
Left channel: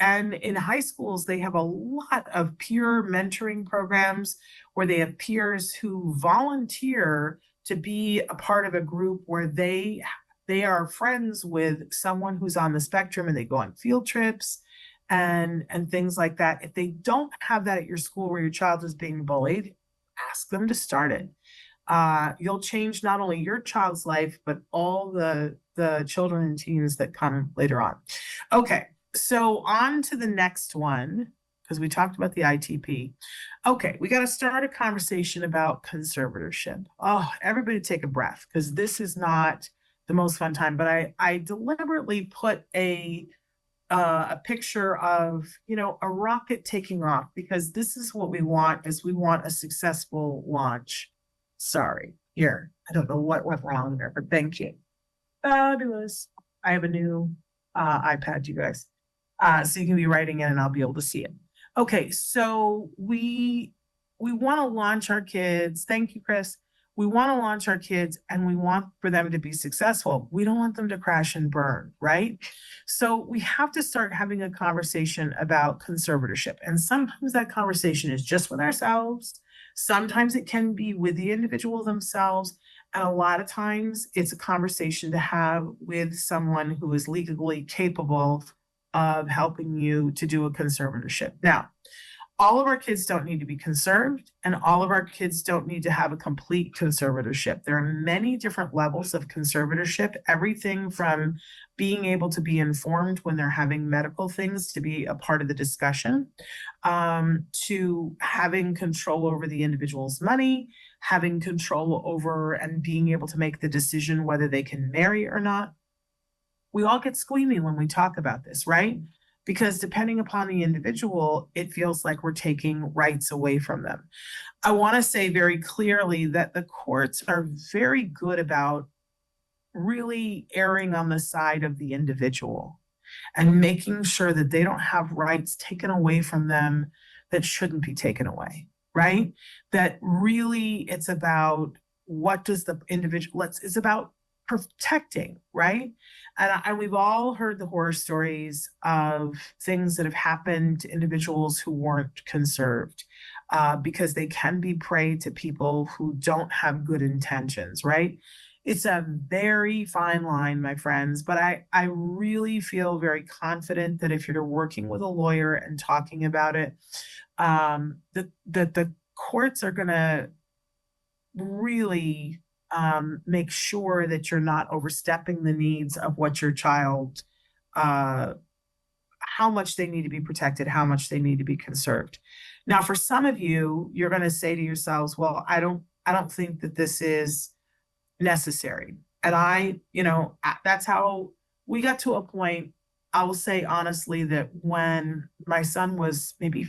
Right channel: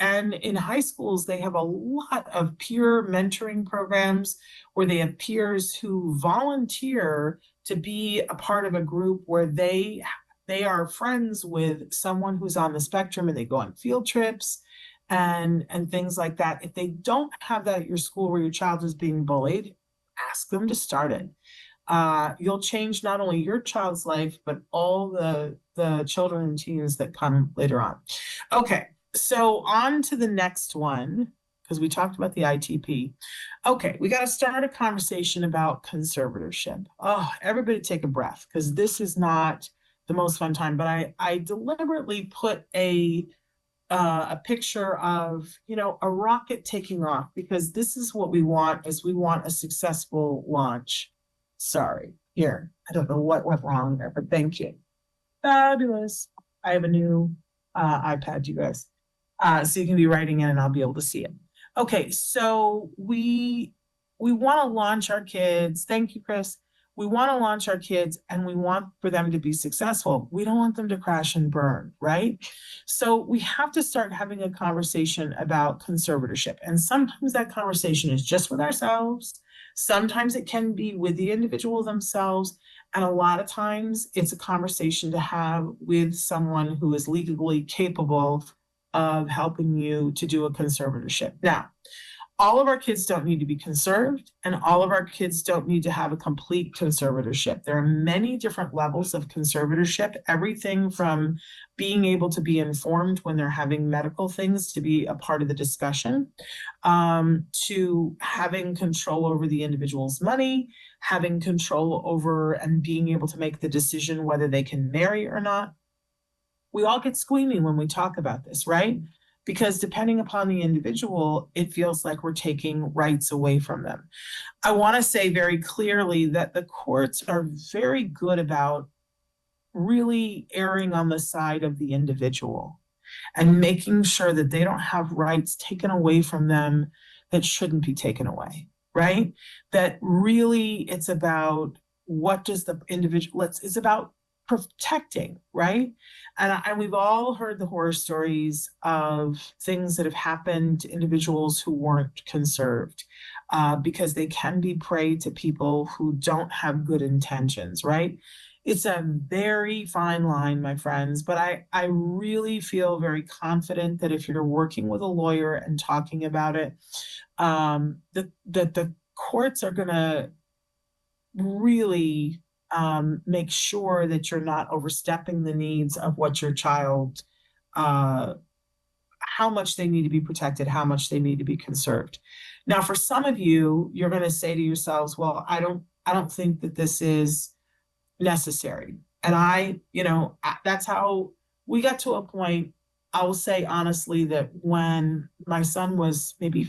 in high schools, they have a lot of peer mentoring programs where they have peers who volunteer to be a part of a group where they are friends with someone who's on the spectrum, and they go on field trips and things like that. If they don't have that at your school where your child is being bullied, ask them to start it. You'll change not only your child's life, but all the children and teens that come later on. Okay, so on to the next one, because we talked about the ITP. Okay, we got to start a conversation about conservatorship. Oh, everybody take a breath, because this is not the most fun time, but I deliberately put a picture of, a rocket taking off, because this is what we want, is we want a successful launch. Sorry, here, I don't know what went wrong there, but thank you. Fabulous. I have a new iPad, you guys. So you can be writing in and I'll be able to see it. Okay, so we want to launch our kids. Thank you, Chris. We want to launch our kids and we want for them to be successful. We don't want them to crash and burn, right? So we have to start having a conversation about conservatorship. And sometimes that conversation is just with ourselves. Sometimes it can be with the individual themselves. And a lot of times it's a conversation to have with someone who is legally capable of helping you to do a conservatorship. Now, all of our kids don't need to be conserved, and all of our kids don't need to have a complete conservatorship. There are many different levels of conservatorship, everything from being able to be informed when they're having medical things to be a part of the discussion, to having control over the individual's money, having control over and being able to make the decision whether they can marry or not. We all get squeamy when we talk about this, right? Because depending upon the individual, it feels like we're taking rights away from them. I want to say very clearly that the courts are very good about really erring on the side of the individual and making sure that they don't have rights taken away from them that shouldn't be taken away, right? That really it's about what does the individual, it's about protecting, right? And we've all heard the horror stories of things that have happened to individuals who weren't conserved, because they can be prey to people who don't have good intentions, right? It's a very fine line, my friends, but I really feel very confident that if you're working with a lawyer and talking about it, that the courts are going to really make sure that you're not overstepping the needs of what your child, how much they need to be protected, how much they need to be conserved. Now, for some of you, you're going to say to yourselves, well, I don't think that this is necessary. And that's how we got to a point. I will say honestly that when my son was maybe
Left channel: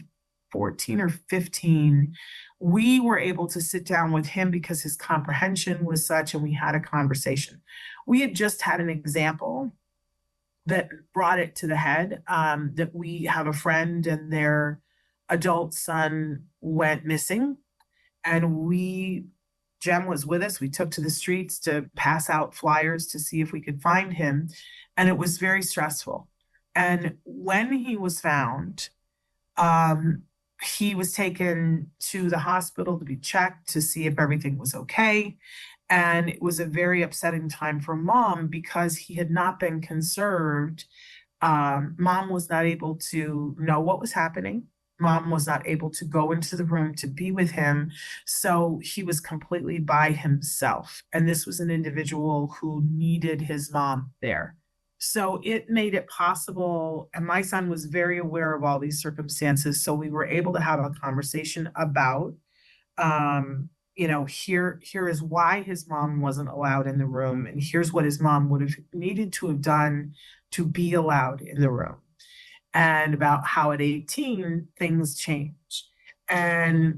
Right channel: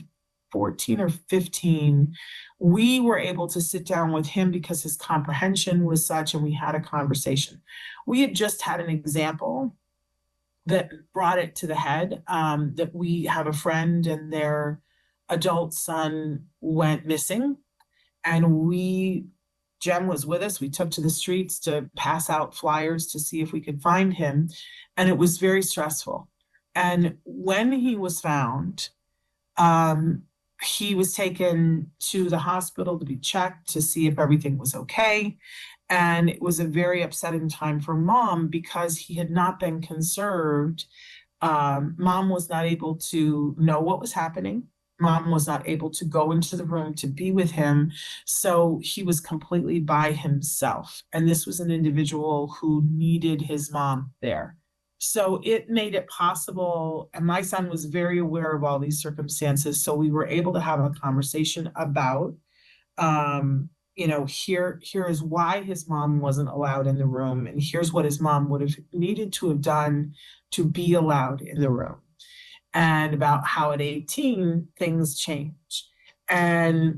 14 or 15, we were able to sit down with him because his comprehension was such, and we had a conversation. We had just had an example that brought it to the head, that we have a friend and their adult son went missing, and we Jem was with us. We took to the streets to pass out flyers to see if we could find him. And it was very stressful. And when he was found, um, he was taken to the hospital to be checked to see if everything was okay. And it was a very upsetting time for mom because he had not been conserved. Mom was not able to know what was happening. Mom was not able to go into the room to be with him. So he was completely by himself. And this was an individual who needed his mom there. So it made it possible. And my son was very aware of all these circumstances. So we were able to have a conversation about, um, here is why his mom wasn't allowed in the room. And here's what his mom would have needed to have done to be allowed in the room, and about how at 18 things changed. And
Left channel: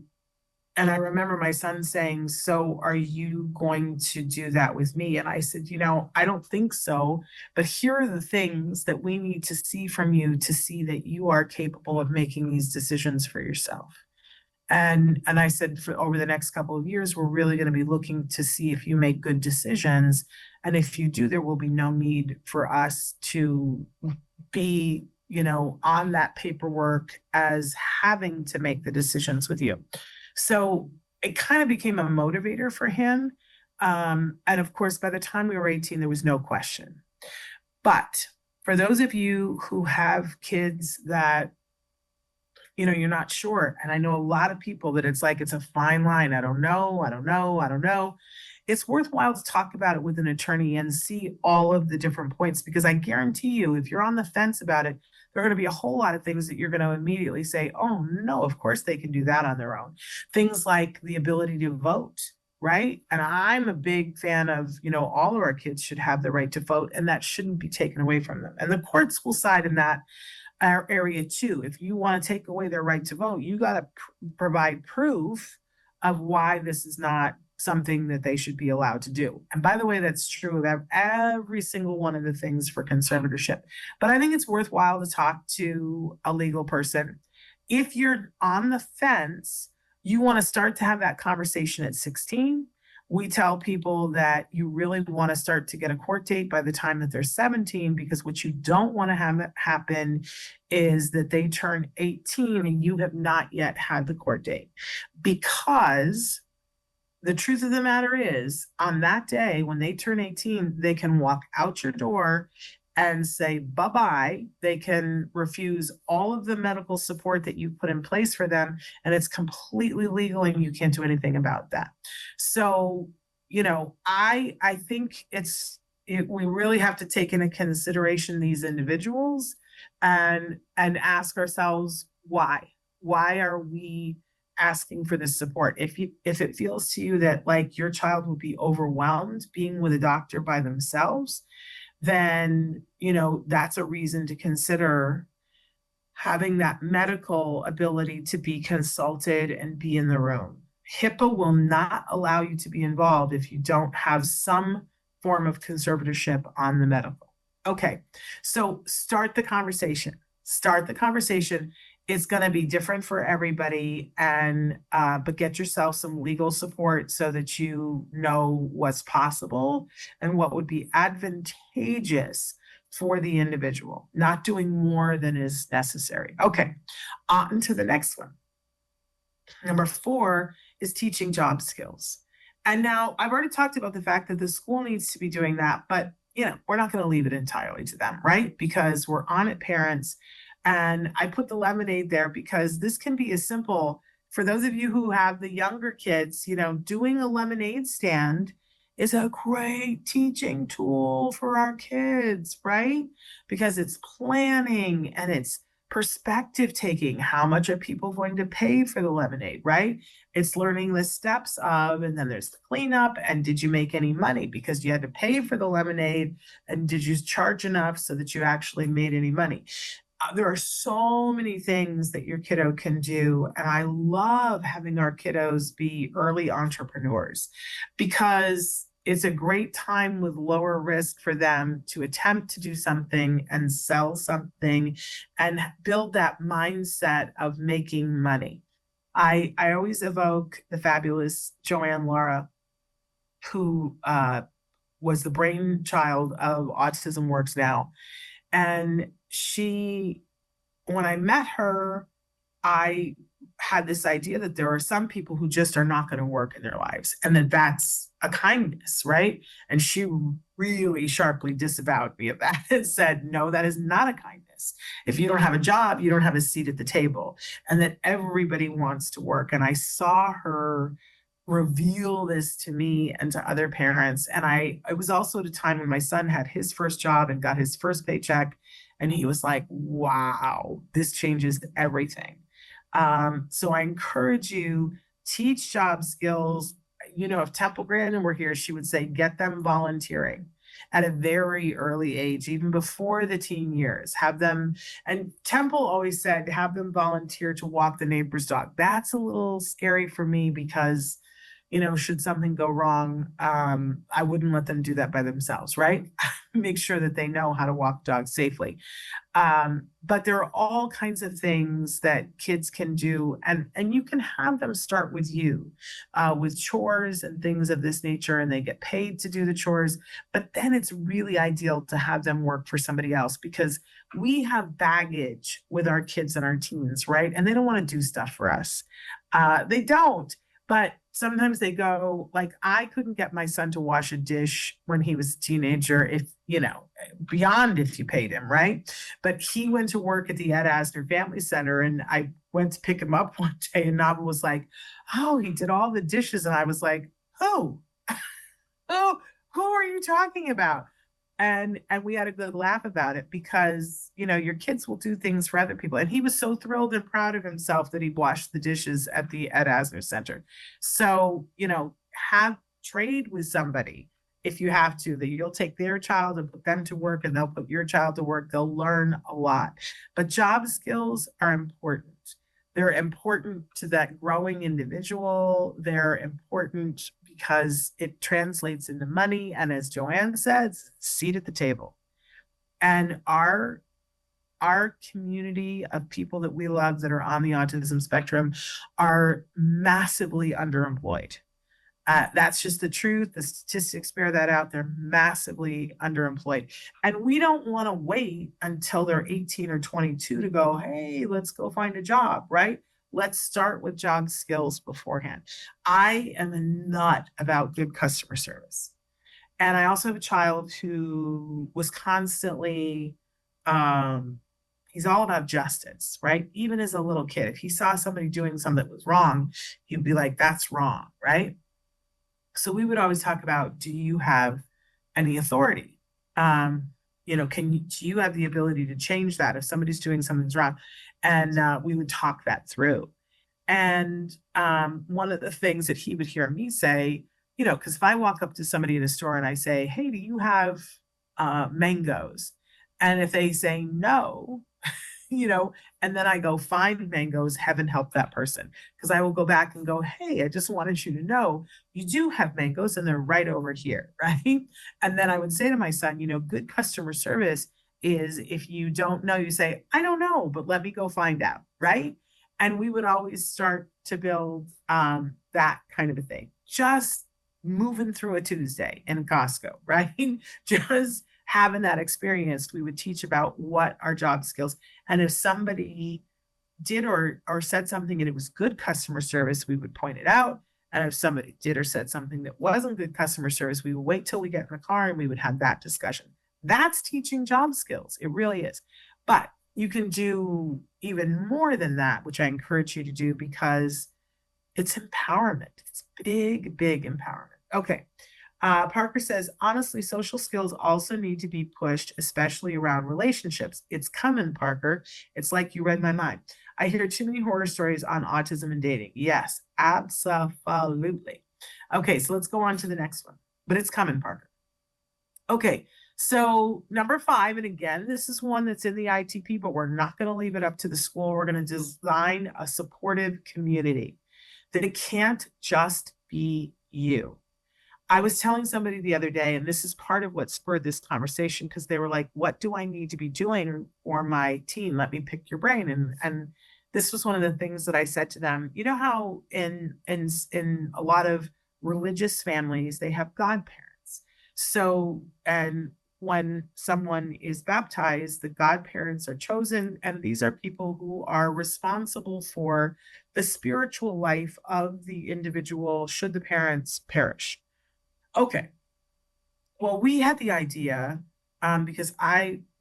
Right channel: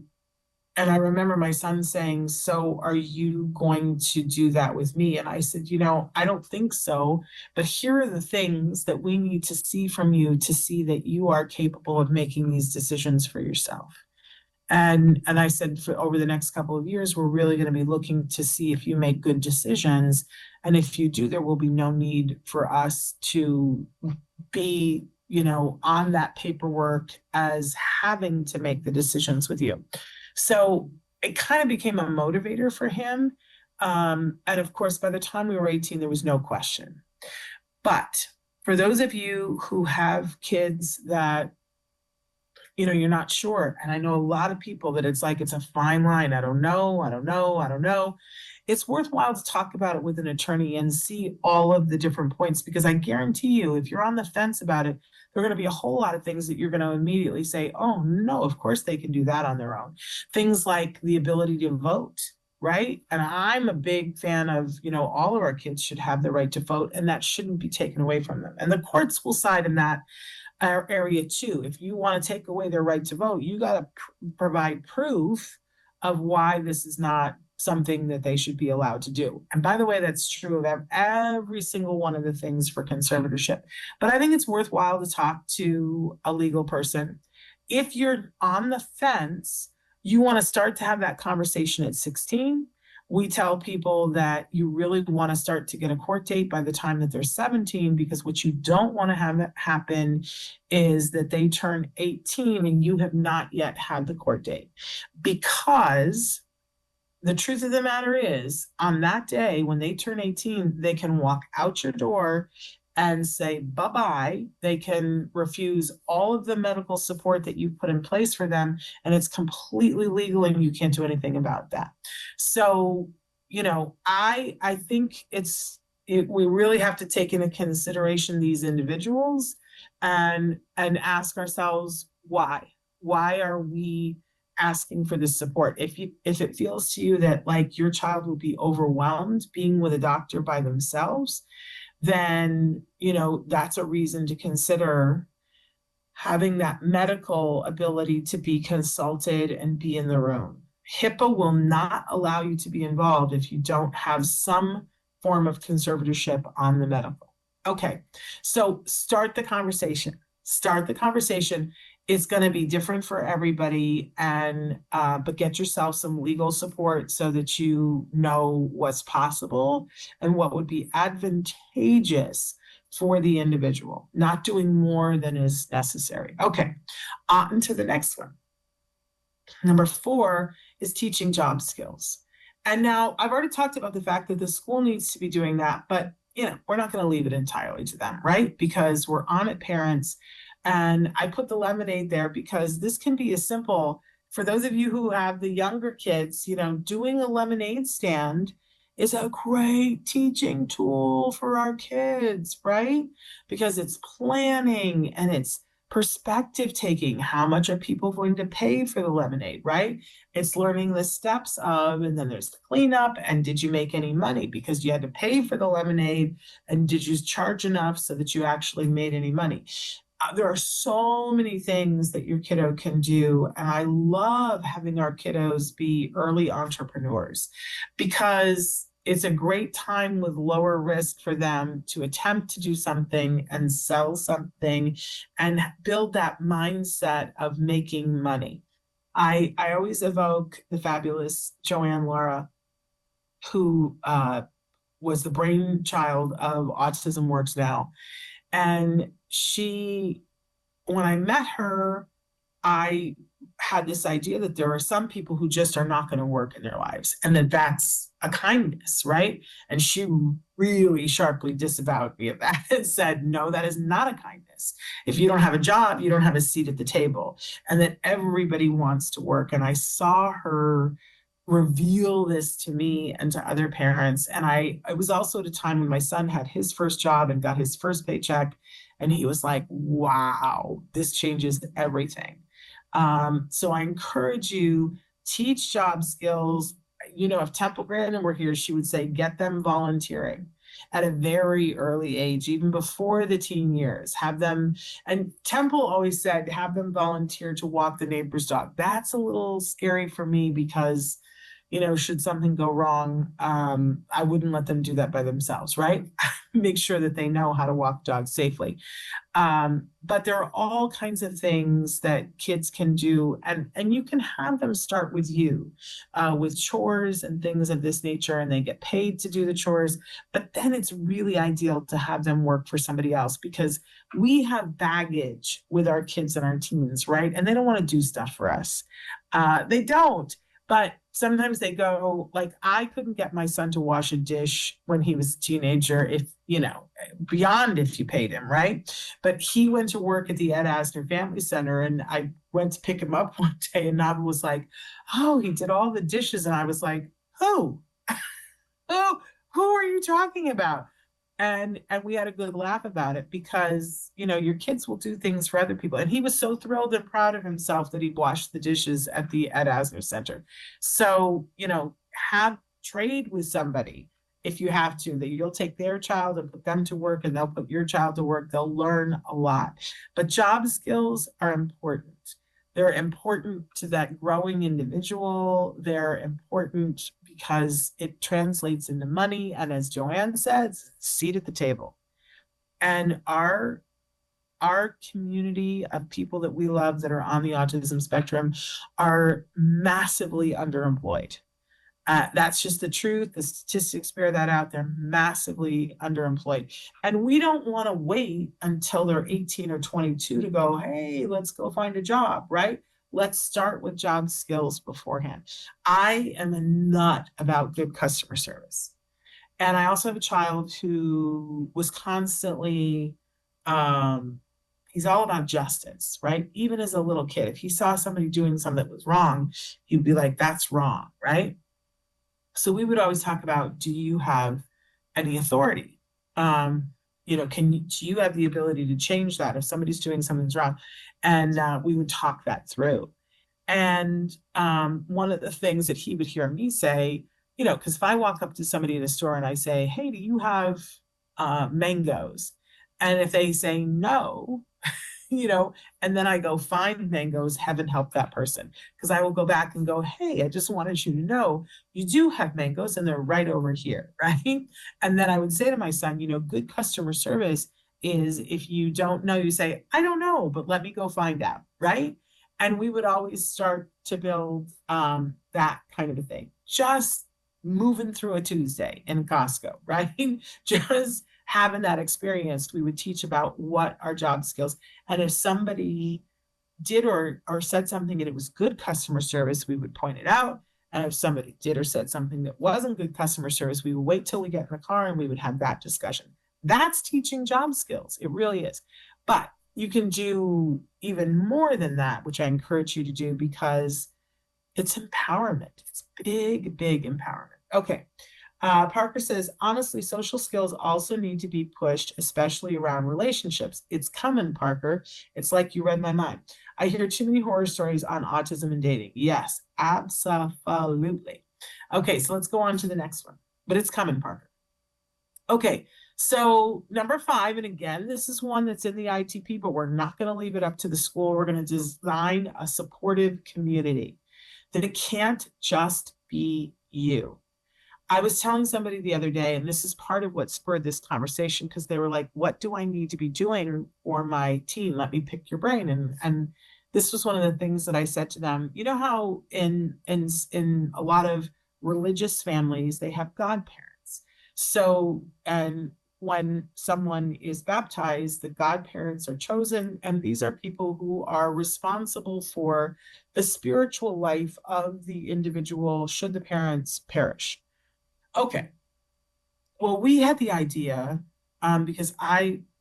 and I remember my son saying, "So are you going to do that with me?" And I said, "I don't think so, but here are the things that we need to see from you to see that you are capable of making these decisions for yourself." And I said, for over the next couple of years, we're really going to be looking to see if you make good decisions. And if you do, there will be no need for us to be, on that paperwork as having to make the decisions with you. So it kind of became a motivator for him. And of course, by the time we were 18, there was no question. But for those of you who have kids that, you're not sure, and I know a lot of people that it's like it's a fine line. I don't know. I don't know. I don't know. It's worthwhile to talk about it with an attorney and see all of the different points, because I guarantee you, if you're on the fence about it, there are going to be a whole lot of things that you're going to immediately say, "Oh, no, of course they can do that on their own." Things like the ability to vote, right? And I'm a big fan of, all of our kids should have the right to vote, and that shouldn't be taken away from them. And the courts will side in that area too. If you want to take away their right to vote, you got to provide proof of why this is not something that they should be allowed to do. And by the way, that's true of every single one of the things for conservatorship. But I think it's worthwhile to talk to a legal person. If you're on the fence, you want to start to have that conversation at 16. We tell people that you really want to start to get a court date by the time that they're 17, because what you don't want to have happen is that they turn 18 and you have not yet had the court date. Because the truth of the matter is, on that day when they turn 18, they can walk out your door and say bye-bye. They can refuse all of the medical support that you put in place for them, and it's completely legal and you can't do anything about that. So, I think we really have to take into consideration these individuals and ask ourselves why. Why are we asking for this support? If it feels to you that like your child will be overwhelmed being with a doctor by themselves, then, that's a reason to consider having that medical ability to be consulted and be in the room. HIPAA will not allow you to be involved if you don't have some form of conservatorship on the medical. Okay, so start the conversation. Start the conversation. It's going to be different for everybody, and but get yourself some legal support so that you know what's possible and what would be advantageous for the individual, not doing more than is necessary. Okay, on to the next one. Number 4 is teaching job skills. And now I've already talked about the fact that the school needs to be doing that, but we're not going to leave it entirely to them, right? Because we're on it parents. And I put the lemonade there because this can be as simple for those of you who have the younger kids, doing a lemonade stand is a great teaching tool for our kids, right? Because it's planning and it's perspective taking. How much are people going to pay for the lemonade, right? It's learning the steps of, and then there's the cleanup. And did you make any money because you had to pay for the lemonade? And did you charge enough so that you actually made any money? There are so many things that your kiddo can do. And I love having our kiddos be early entrepreneurs because it's a great time with lower risk for them to attempt to do something and sell something and build that mindset of making money. I always evoke the fabulous Joanne Laura who was the brainchild of Autism Works Now. And when I met her, I had this idea that there are some people who just are not going to work in their lives and that that's a kindness, right? And she really sharply disavowed me of that and said, no, that is not a kindness. If you don't have a job, you don't have a seat at the table, and that everybody wants to work. And I saw her reveal this to me and to other parents. And it was also at a time when my son had his first job and got his first paycheck. And he was like, wow, this changes everything. So I encourage you, teach job skills. If Temple Grandin were here, she would say, get them volunteering at a very early age, even before the teen years. Have them, and Temple always said, have them volunteer to walk the neighbor's dog. That's a little scary for me because, should something go wrong, I wouldn't let them do that by themselves, right? Make sure that they know how to walk dogs safely. But there are all kinds of things that kids can do, and you can have them start with you, with chores and things of this nature, and they get paid to do the chores. But then it's really ideal to have them work for somebody else because we have baggage with our kids and our teens, right? And they don't want to do stuff for us. They don't. But sometimes they go, like, I couldn't get my son to wash a dish when he was a teenager beyond if you paid him, right? But he went to work at the Ed Asner Family Center, and I went to pick him up one day, and Nava was like, oh, he did all the dishes. And I was like, oh, who are you talking about? And we had a good laugh about it because, your kids will do things for other people. And he was so thrilled and proud of himself that he washed the dishes at the Ed Asner Center. So, have trade with somebody if you have to, that you'll take their child and put them to work and they'll put your child to work. They'll learn a lot. But job skills are important. They're important to that growing individual. They're important because it translates into money. And as Joanne says, seat at the table. And our community of people that we love that are on the autism spectrum are massively underemployed. That's just the truth. The statistics bear that out. They're massively underemployed. And we don't want to wait until they're 18 or 22 to go, hey, let's go find a job, right? Let's start with job skills beforehand. I am a nut about good customer service. And I also have a child who was constantly, he's all about justice, right? Even as a little kid, if he saw somebody doing something that was wrong, he'd be like, that's wrong, right? So we would always talk about, do you have any authority? Do you have the ability to change that if somebody's doing something wrong? And we would talk that through. And one of the things that he would hear me say, because if I walk up to somebody in a store and I say, hey, do you have mangoes? And if they say no, and then I go find mangoes, heaven help that person. Because I will go back and go, hey, I just wanted you to know you do have mangoes and they're right over here, right? And then I would say to my son, good customer service is if you don't know, you say, I don't know, but let me go find out, right? And we would always start to build that kind of a thing. Just moving through a Tuesday in Costco, right? Just having that experience, we would teach about what our job skills. And if somebody did or said something and it was good customer service, we would point it out. And if somebody did or said something that wasn't good customer service, we would wait till we get in the car and we would have that discussion. That's teaching job skills. It really is. But you can do even more than that, which I encourage you to do because it's empowerment. It's big, big empowerment. Okay. Parker says, honestly, social skills also need to be pushed, especially around relationships. It's coming, Parker. It's like you read my mind. I hear too many horror stories on autism and dating. Yes, absolutely. Okay, so let's go on to the next one. But it's coming, Parker. Okay, so number 5, and again, this is one that's in the ITP, but we're not going to leave it up to the school. We're going to design a supportive community. That it can't just be you. I was telling somebody the other day, and this is part of what spurred this conversation, because they were like, what do I need to be doing for my team? Let me pick your brain. And this was one of the things that I said to them. You know how in a lot of religious families, they have godparents. So, and when someone is baptized, the godparents are chosen, and these are people who are responsible for the spiritual life of the individual should the parents perish. Okay. Well, we had the idea because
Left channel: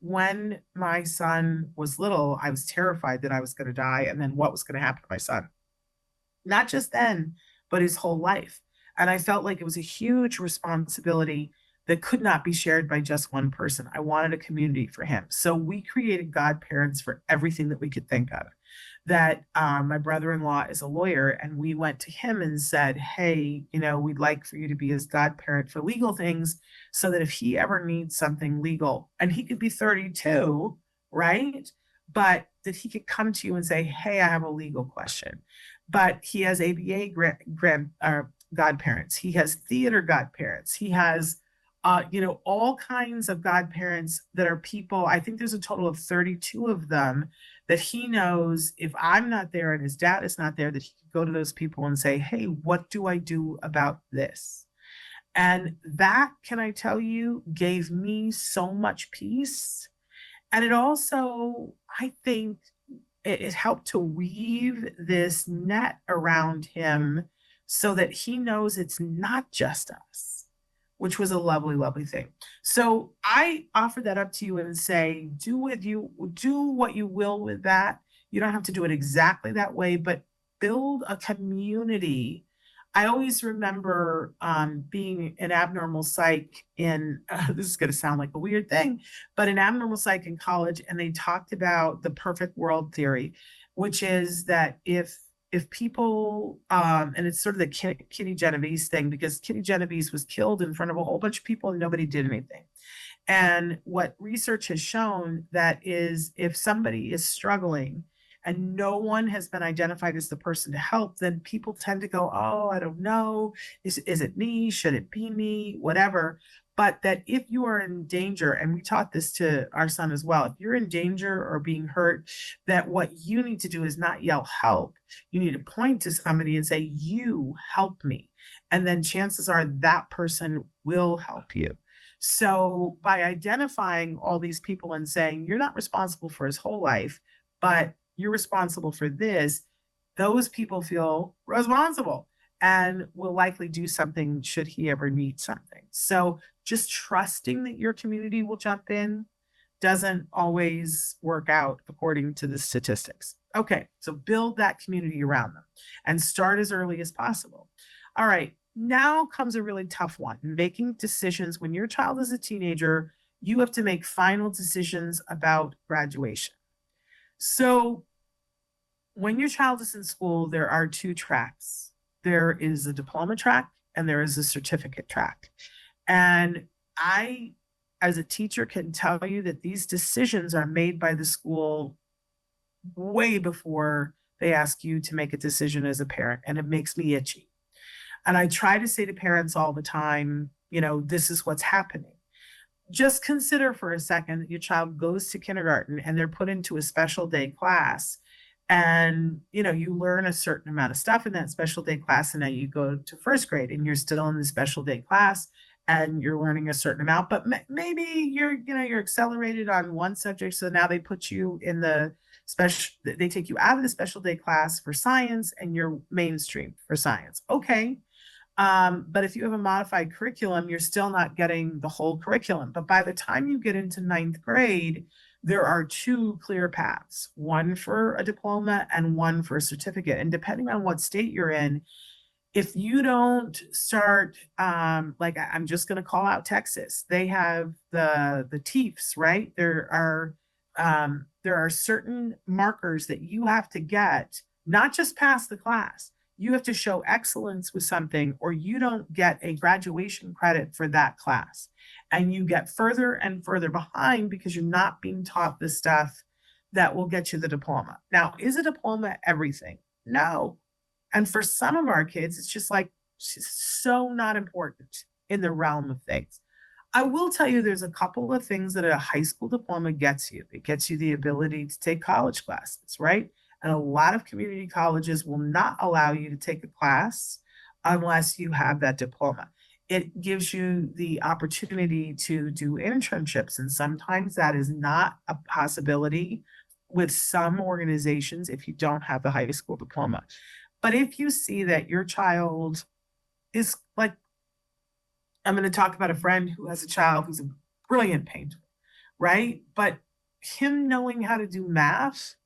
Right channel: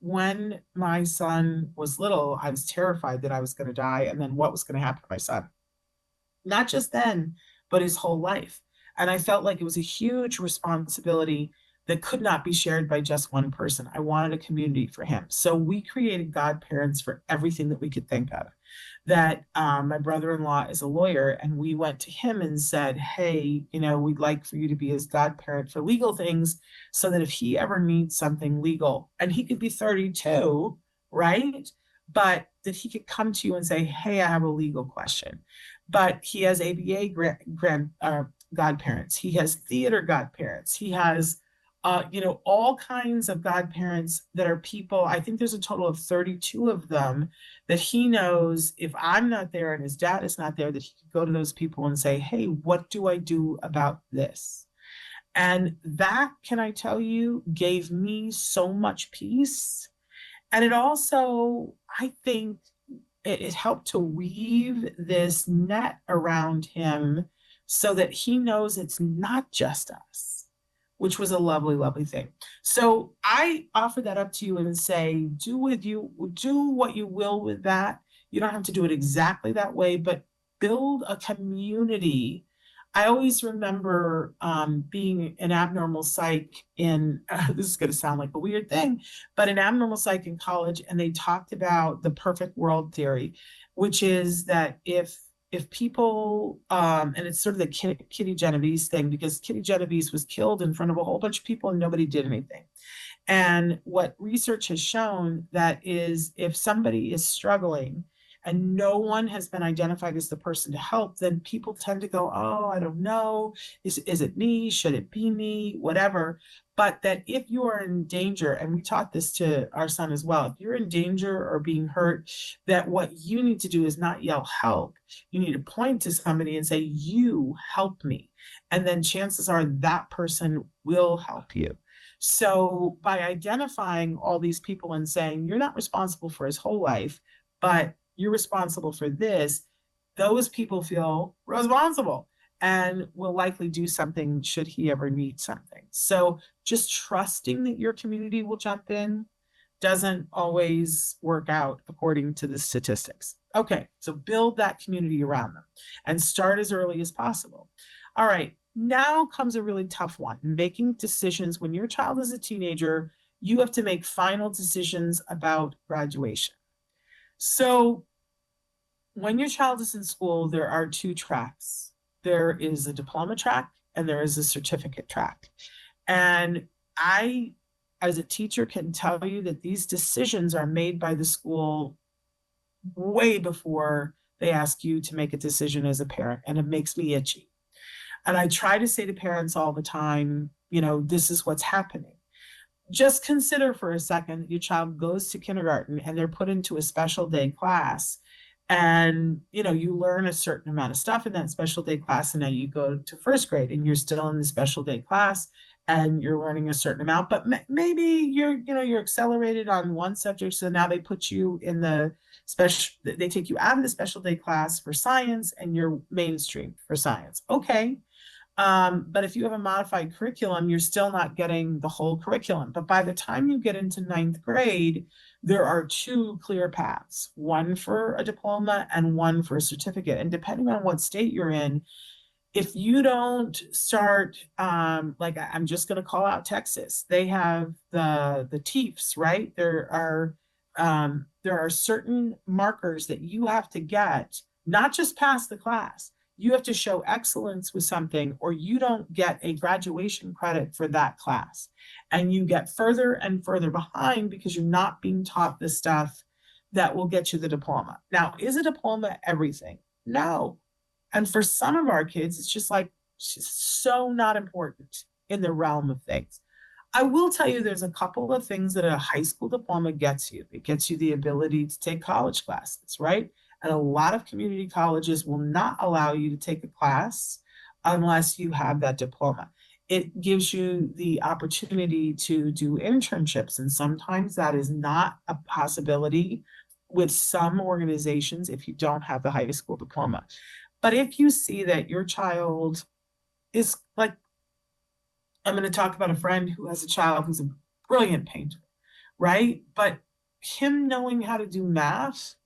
when my son was little, I was terrified that I was going to die and then what was going to happen to my son. Not just then, but his whole life. And I felt like it was a huge responsibility that could not be shared by just one person. I wanted a community for him. So we created godparents for everything that we could think of. That my brother-in-law is a lawyer, and we went to him and said, "Hey, we'd like for you to be his godparent for legal things, so that if he ever needs something legal, and he could be 32, right? But that he could come to you and say, 'Hey, I have a legal question.'" But he has ABA godparents. He has theater godparents. He has, all kinds of godparents that are people. I think there's a total of 32 of them that he knows if I'm not there and his dad is not there, that he can go to those people and say, "Hey, what do I do about this?" And that, can I tell you, gave me so much peace. And it also, I think, it helped to weave this net around him so that he knows it's not just us, which was a lovely, lovely thing. So I offer that up to you and say, do what you will with that. You don't have to do it exactly that way, but build a community. I always remember being an abnormal psych in, this is going to sound like a weird thing, but an abnormal psych in college, and they talked about the perfect world theory, which is that if people, and it's sort of the Kitty Genovese thing, because Kitty Genovese was killed in front of a whole bunch of people and nobody did anything. And what research has shown that is if somebody is struggling and no one has been identified as the person to help, then people tend to go, "Oh, I don't know. Is it me? Should it be me? Whatever." But that if you are in danger, and we taught this to our son as well, if you're in danger or being hurt, that what you need to do is not yell help. You need to point to somebody and say, "You help me." And then chances are that person will help you. So by identifying all these people and saying, "You're not responsible for his whole life, but you're responsible for this," those people feel responsible and will likely do something should he ever need something. So just trusting that your community will jump in doesn't always work out according to the statistics. Okay, so build that community around them and start as early as possible. All right, now comes a really tough one, making decisions. When your child is a teenager, you have to make final decisions about graduation. So when your child is in school, there are two tracks. There is a diploma track and there is a certificate track. And I, as a teacher, can tell you that these decisions are made by the school way before they ask you to make a decision as a parent. And it makes me itchy. And I try to say to parents all the time, this is what's happening. Just consider for a second that your child goes to kindergarten and they're put into a special day class. And, you learn a certain amount of stuff in that special day class. And now you go to first grade and you're still in the special day class and you're learning a certain amount, but maybe you're accelerated on one subject. So now they put you in they take you out of the special day class for science and you're mainstream for science. Okay. But if you have a modified curriculum, you're still not getting the whole curriculum. But by the time you get into ninth grade, there are two clear paths, one for a diploma and one for a certificate. And depending on what state you're in, if you don't start, I'm just going to call out Texas, they have the TEEFs, right? There are certain markers that you have to get, not just pass the class. You have to show excellence with something, or you don't get a graduation credit for that class. And you get further and further behind because you're not being taught the stuff that will get you the diploma. Now, is a diploma everything? No. And for some of our kids, it's just so not important in the realm of things. I will tell you there's a couple of things that a high school diploma gets you. It gets you the ability to take college classes, right? And a lot of community colleges will not allow you to take a class unless you have that diploma. It gives you the opportunity to do internships, and sometimes that is not a possibility with some organizations if you don't have the high school diploma. But if you see that your child is like, I'm going to talk about a friend who has a child who's a brilliant painter, right? But him knowing how to do math,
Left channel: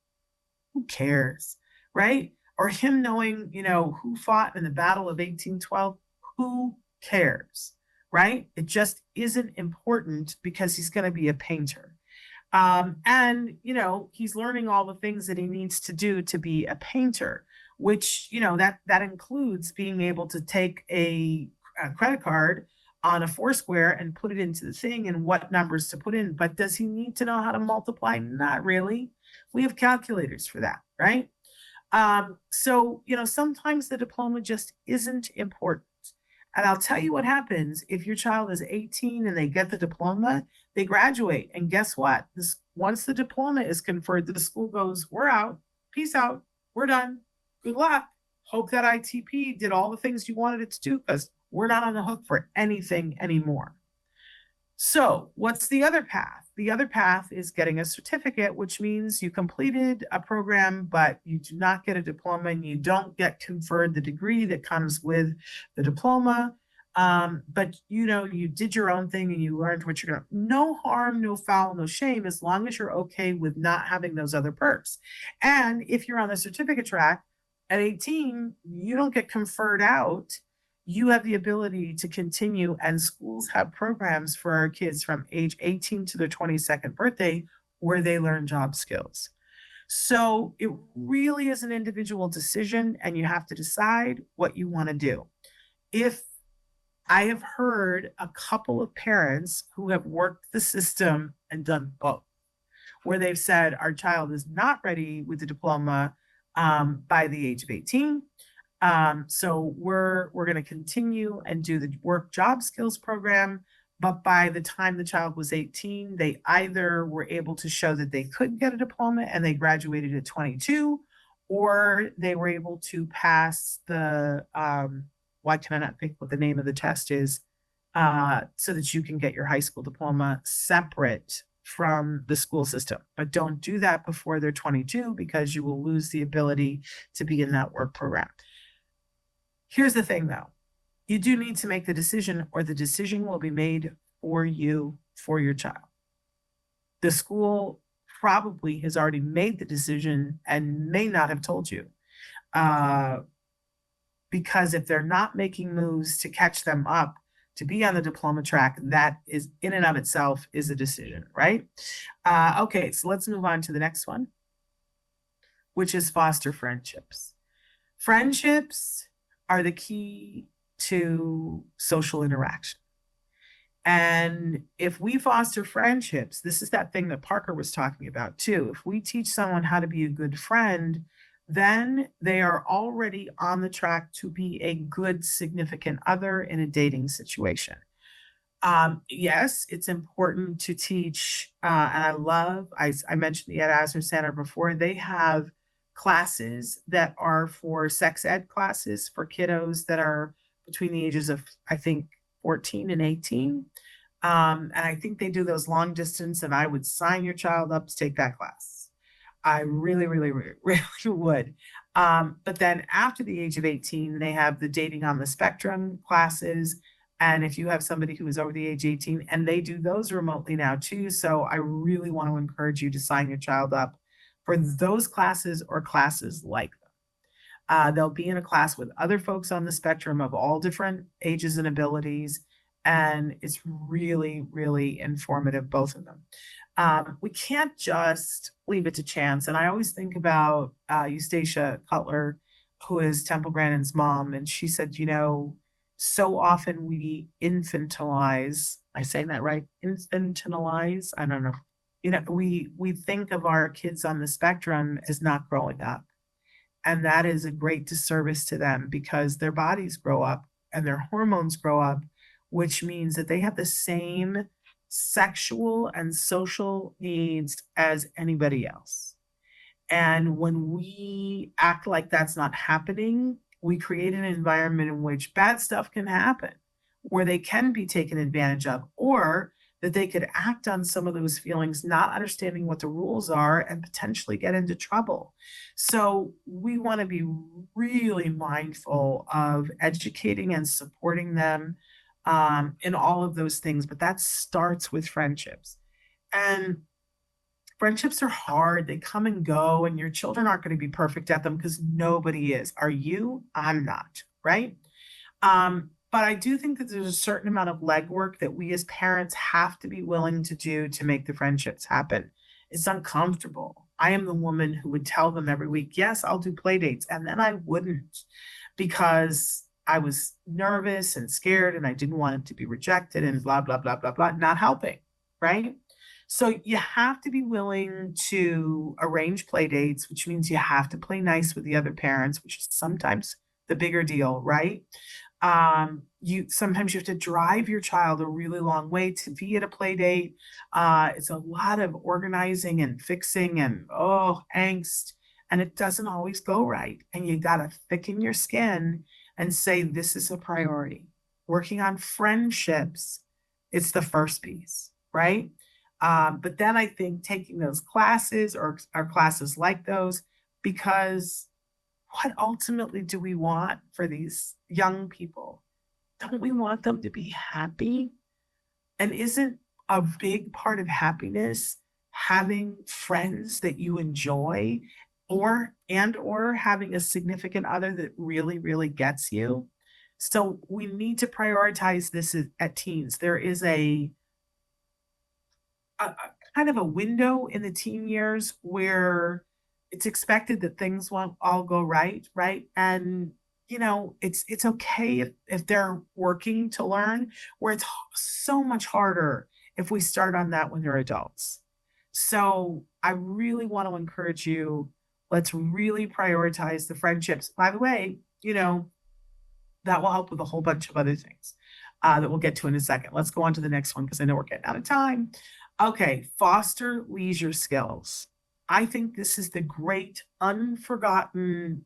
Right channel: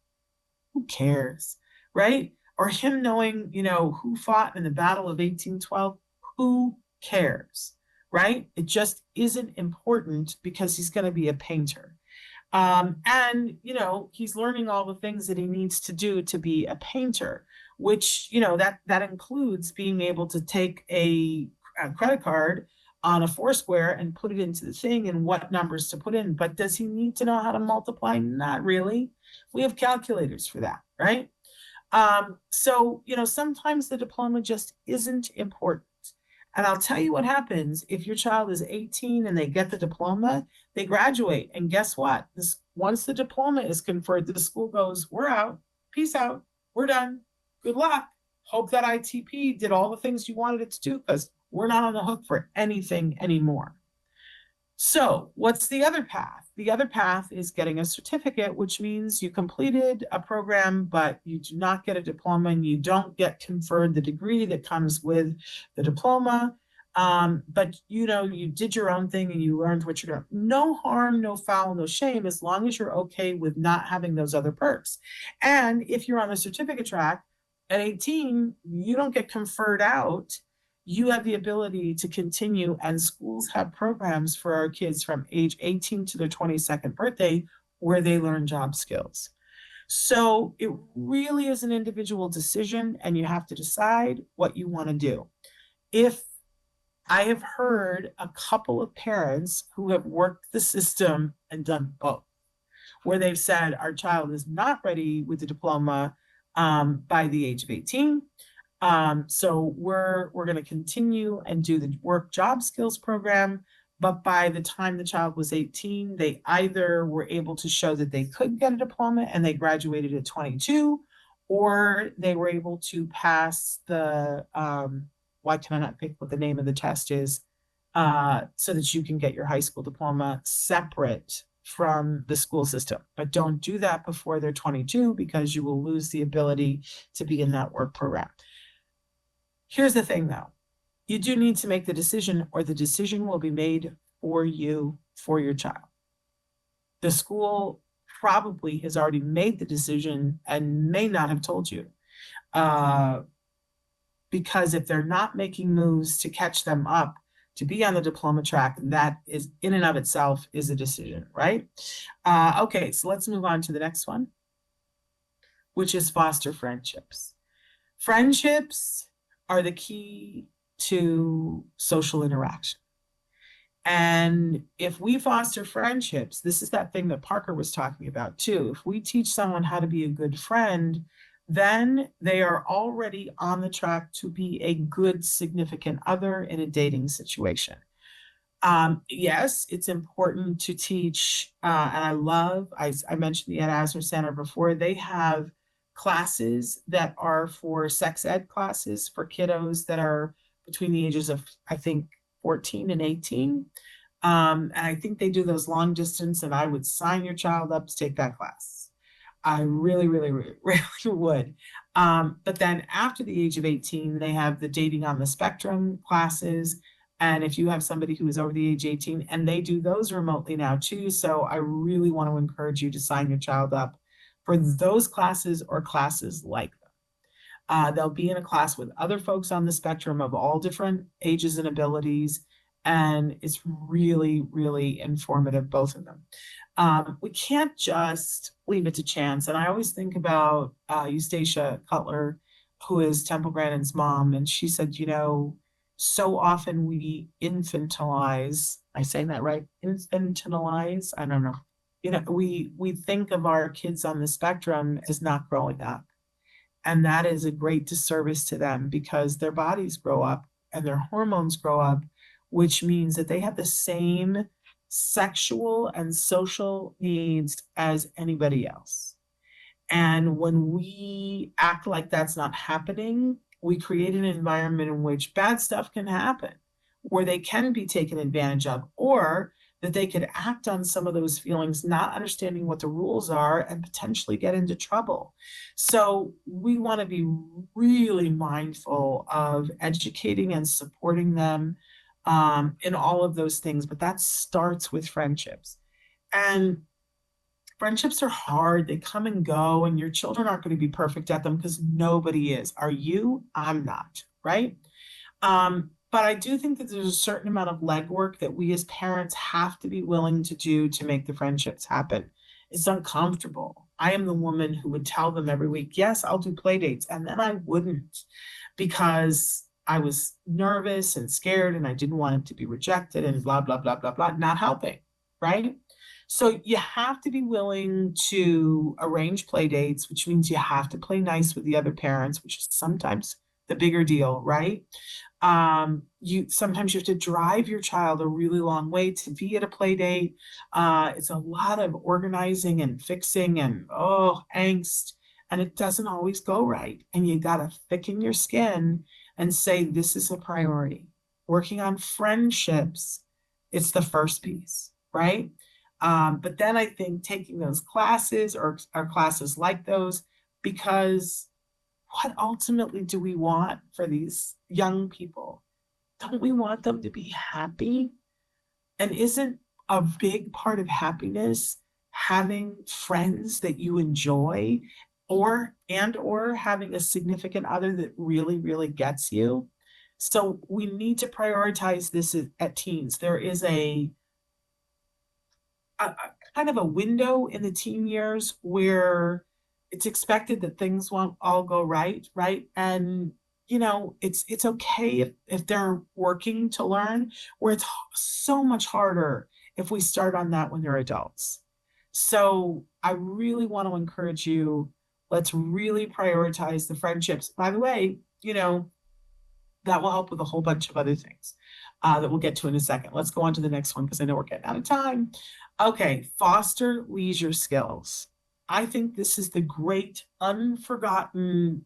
who cares, right? Or him knowing, who fought in the Battle of 1812, who cares, right? It just isn't important because he's going to be a painter. And he's learning all the things that he needs to do to be a painter, which, that includes being able to take a credit card on a Foursquare and put it into the thing and what numbers to put in. But does he need to know how to multiply? Not really. We have calculators for that, right? So, sometimes the diploma just isn't important. And I'll tell you what happens if your child is 18 and they get the diploma, they graduate. And guess what? Once the diploma is conferred, the school goes, we're out. Peace out. We're done. Good luck. Hope that ITP did all the things you wanted it to do because we're not on the hook for anything anymore. So what's the other path? The other path is getting a certificate, which means you completed a program, but you do not get a diploma and you don't get conferred the degree that comes with the diploma. But you did your own thing and you learned what you're doing. No harm, no foul, no shame, as long as you're okay with not having those other perks. And if you're on the certificate track at 18, you don't get conferred out. You have the ability to continue, and schools have programs for our kids from age 18 to their 22nd birthday where they learn job skills. So it really is an individual decision, and you have to decide what you want to do. If I have heard a couple of parents who have worked the system and done both, where they've said our child is not ready with the diploma by the age of 18. So we're going to continue and do the work job skills program. But by the time the child was 18, they either were able to show that they could get a diploma and they graduated at 22, or they were able to pass the, why can I not think what the name of the test is, so that you can get your high school diploma separate from the school system. But don't do that before they're 22 because you will lose the ability to be in that work program. Here's the thing, though. You do need to make the decision, or the decision will be made for you, for your child. The school probably has already made the decision and may not have told you. Because if they're not making moves to catch them up to be on the diploma track, that is in and of itself is a decision, right? Okay, so let's move on to the next one, which is foster friendships. Friendships are the key to social interaction. And if we foster friendships, this is that thing that Parker was talking about too. If we teach someone how to be a good friend, then they are already on the track to be a good significant other in a dating situation. Yes, it's important to teach. And I mentioned the Ed Asner Center before. They have classes that are for sex ed classes for kiddos that are between the ages of, I think, 14 and 18. And I think they do those long distance, and I would sign your child up to take that class. I really, really, really, really would. But then after the age of 18, they have the dating on the spectrum classes. And if you have somebody who is over the age 18, and they do those remotely now too. So I really want to encourage you to sign your child up for those classes or classes like they'll be in a class with other folks on the spectrum of all different ages and abilities. And it's really, really informative, both of them. We can't just leave it to chance. And I always think about Eustacia Cutler, who is Temple Grandin's mom. And she said, so often we infantilize, I say that right? Infantilize? I don't know. We think of our kids on the spectrum as not growing up. And that is a great disservice to them because their bodies grow up and their hormones grow up, which means that they have the same sexual and social needs as anybody else. And when we act like that's not happening, we create an environment in which bad stuff can happen, where they can be taken advantage of, or that they could act on some of those feelings, not understanding what the rules are and potentially get into trouble. So we want to be really mindful of educating and supporting them in all of those things. But that starts with friendships. And friendships are hard. They come and go, and your children aren't going to be perfect at them because nobody is. Are you? I'm not, right? But I do think that there's a certain amount of legwork that we as parents have to be willing to do to make the friendships happen. It's uncomfortable. I am the woman who would tell them every week, yes, I'll do play dates. And then I wouldn't because I was nervous and scared and I didn't want him to be rejected and blah, blah, blah, blah, blah, not helping. Right. So you have to be willing to arrange play dates, which means you have to play nice with the other parents, which is sometimes the bigger deal, right? You sometimes you have to drive your child a really long way to be at a play date. It's a lot of organizing and fixing and angst, and it doesn't always go right. And you gotta thicken your skin and say this is a priority. Working on friendships, it's the first piece, right? But then I think taking those classes or classes like those, because what ultimately do we want for these young people? Don't we want them to be happy? And isn't a big part of happiness having friends that you enjoy or having a significant other that really, really gets you? So we need to prioritize this at teens. There is a kind of a window in the teen years where it's expected that things won't all go right, right? And it's okay if they're working to learn, where it's so much harder if we start on that when they're adults. So I really want to encourage you, let's really prioritize the friendships. By the way, that will help with a whole bunch of other things that we'll get to in a second. Let's go on to the next one because I know we're getting out of time. Okay, foster leisure skills. I think this is the great unforgotten,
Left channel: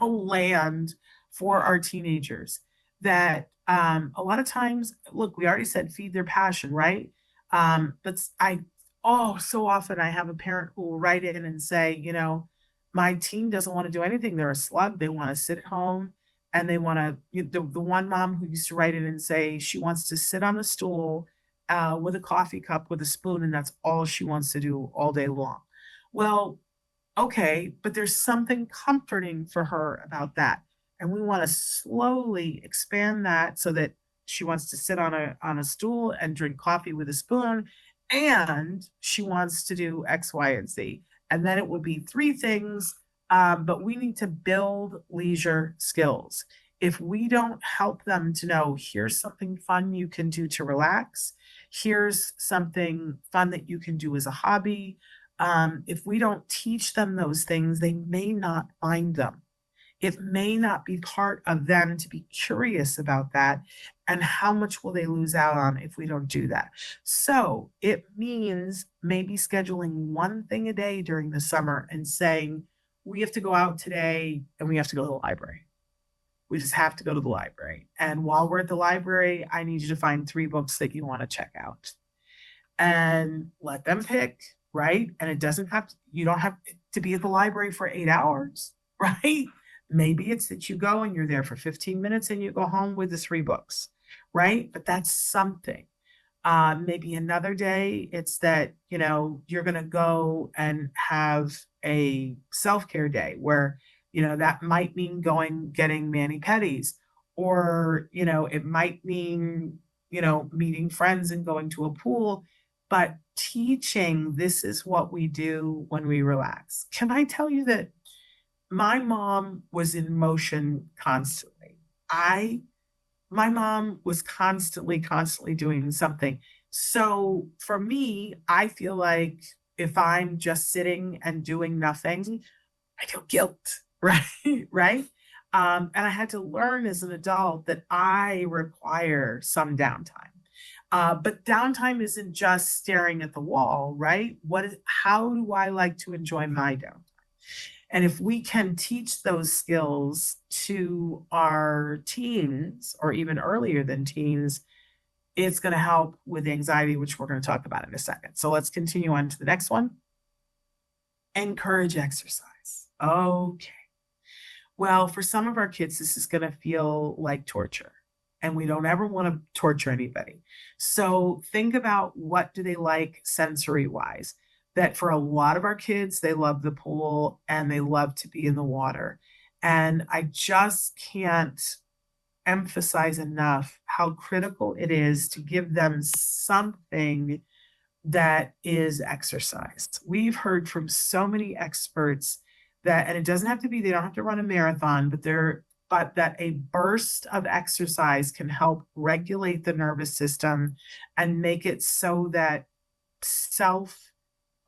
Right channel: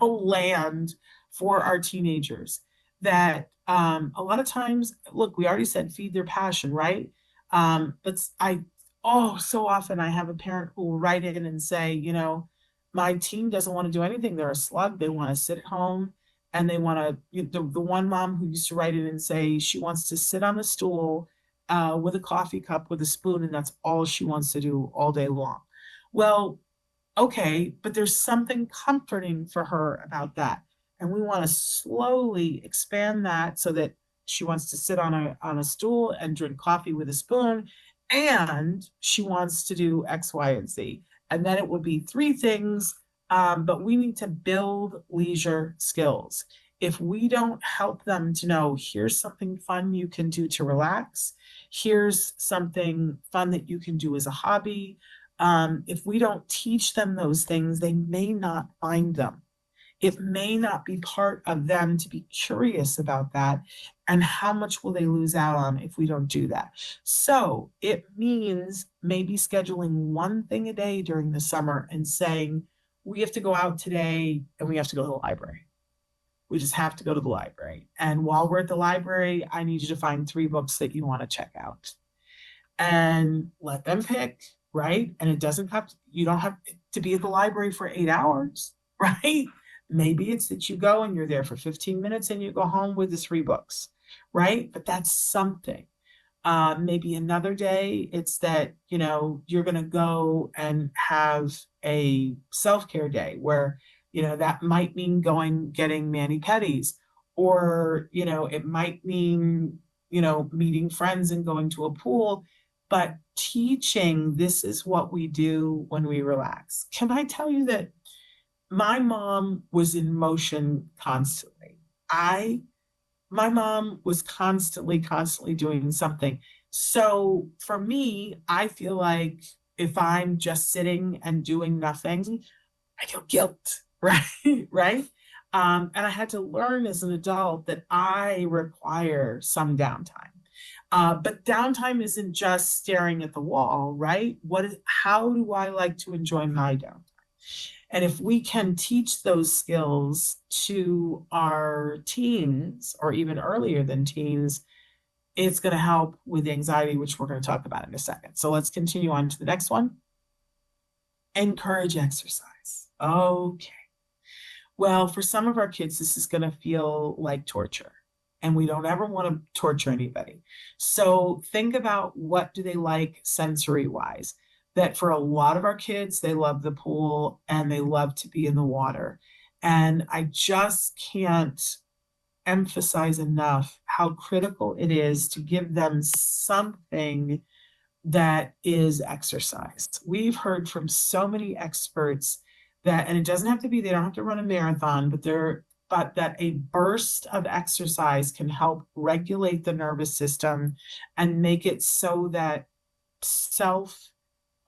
land for our teenagers that a lot of times, look, we already said feed their passion, right? So often I have a parent who will write in and say, my teen doesn't want to do anything. They're a slug. They want to sit at home and they want to, the one mom who used to write in and say she wants to sit on a stool with a coffee cup with a spoon, and that's all she wants to do all day long. Well, okay, but there's something comforting for her about that. And we want to slowly expand that so that she wants to sit on a stool and drink coffee with a spoon, and she wants to do X, Y, and Z. And then it would be three things, but we need to build leisure skills. If we don't help them to know, here's something fun you can do to relax, here's something fun that you can do as a hobby. If we don't teach them those things, they may not find them. It may not be part of them to be curious about that. And how much will they lose out on if we don't do that? So it means maybe scheduling one thing a day during the summer and saying, we have to go out today and we have to go to the library. We just have to go to the library. And while we're at the library, I need you to find 3 books that you want to check out and let them pick, right? And you don't have to be at the library for 8 hours, right? Maybe it's that you go and you're there for 15 minutes and you go home with the 3 books, right? But that's something. Maybe another day it's that, you're going to go and have a self-care day where, that might mean getting mani-pedis, or, it might mean, meeting friends and going to a pool, but teaching this is what we do when we relax. Can I tell you that my mom was in motion constantly? My mom was constantly doing something. So for me, I feel like if I'm just sitting and doing nothing, I feel guilt, right? Right. And I had to learn as an adult that I require some downtime. But downtime isn't just staring at the wall, right? How do I like to enjoy my downtime? And if we can teach those skills to our teens or even earlier than teens, it's going to help with anxiety, which we're going to talk about in a second. So let's continue on to the next one. Encourage exercise. Okay. Well, for some of our kids, this is going to feel like torture, and we don't ever want to torture anybody. So think about what do they like sensory wise. That for a lot of our kids, they love the pool and they love to be in the water. And I just can't emphasize enough how critical it is to give them something that is exercise. We've heard from so many experts that, and it doesn't have to be, they don't have to run a marathon, but that a burst of exercise can help regulate the nervous system and make it so that self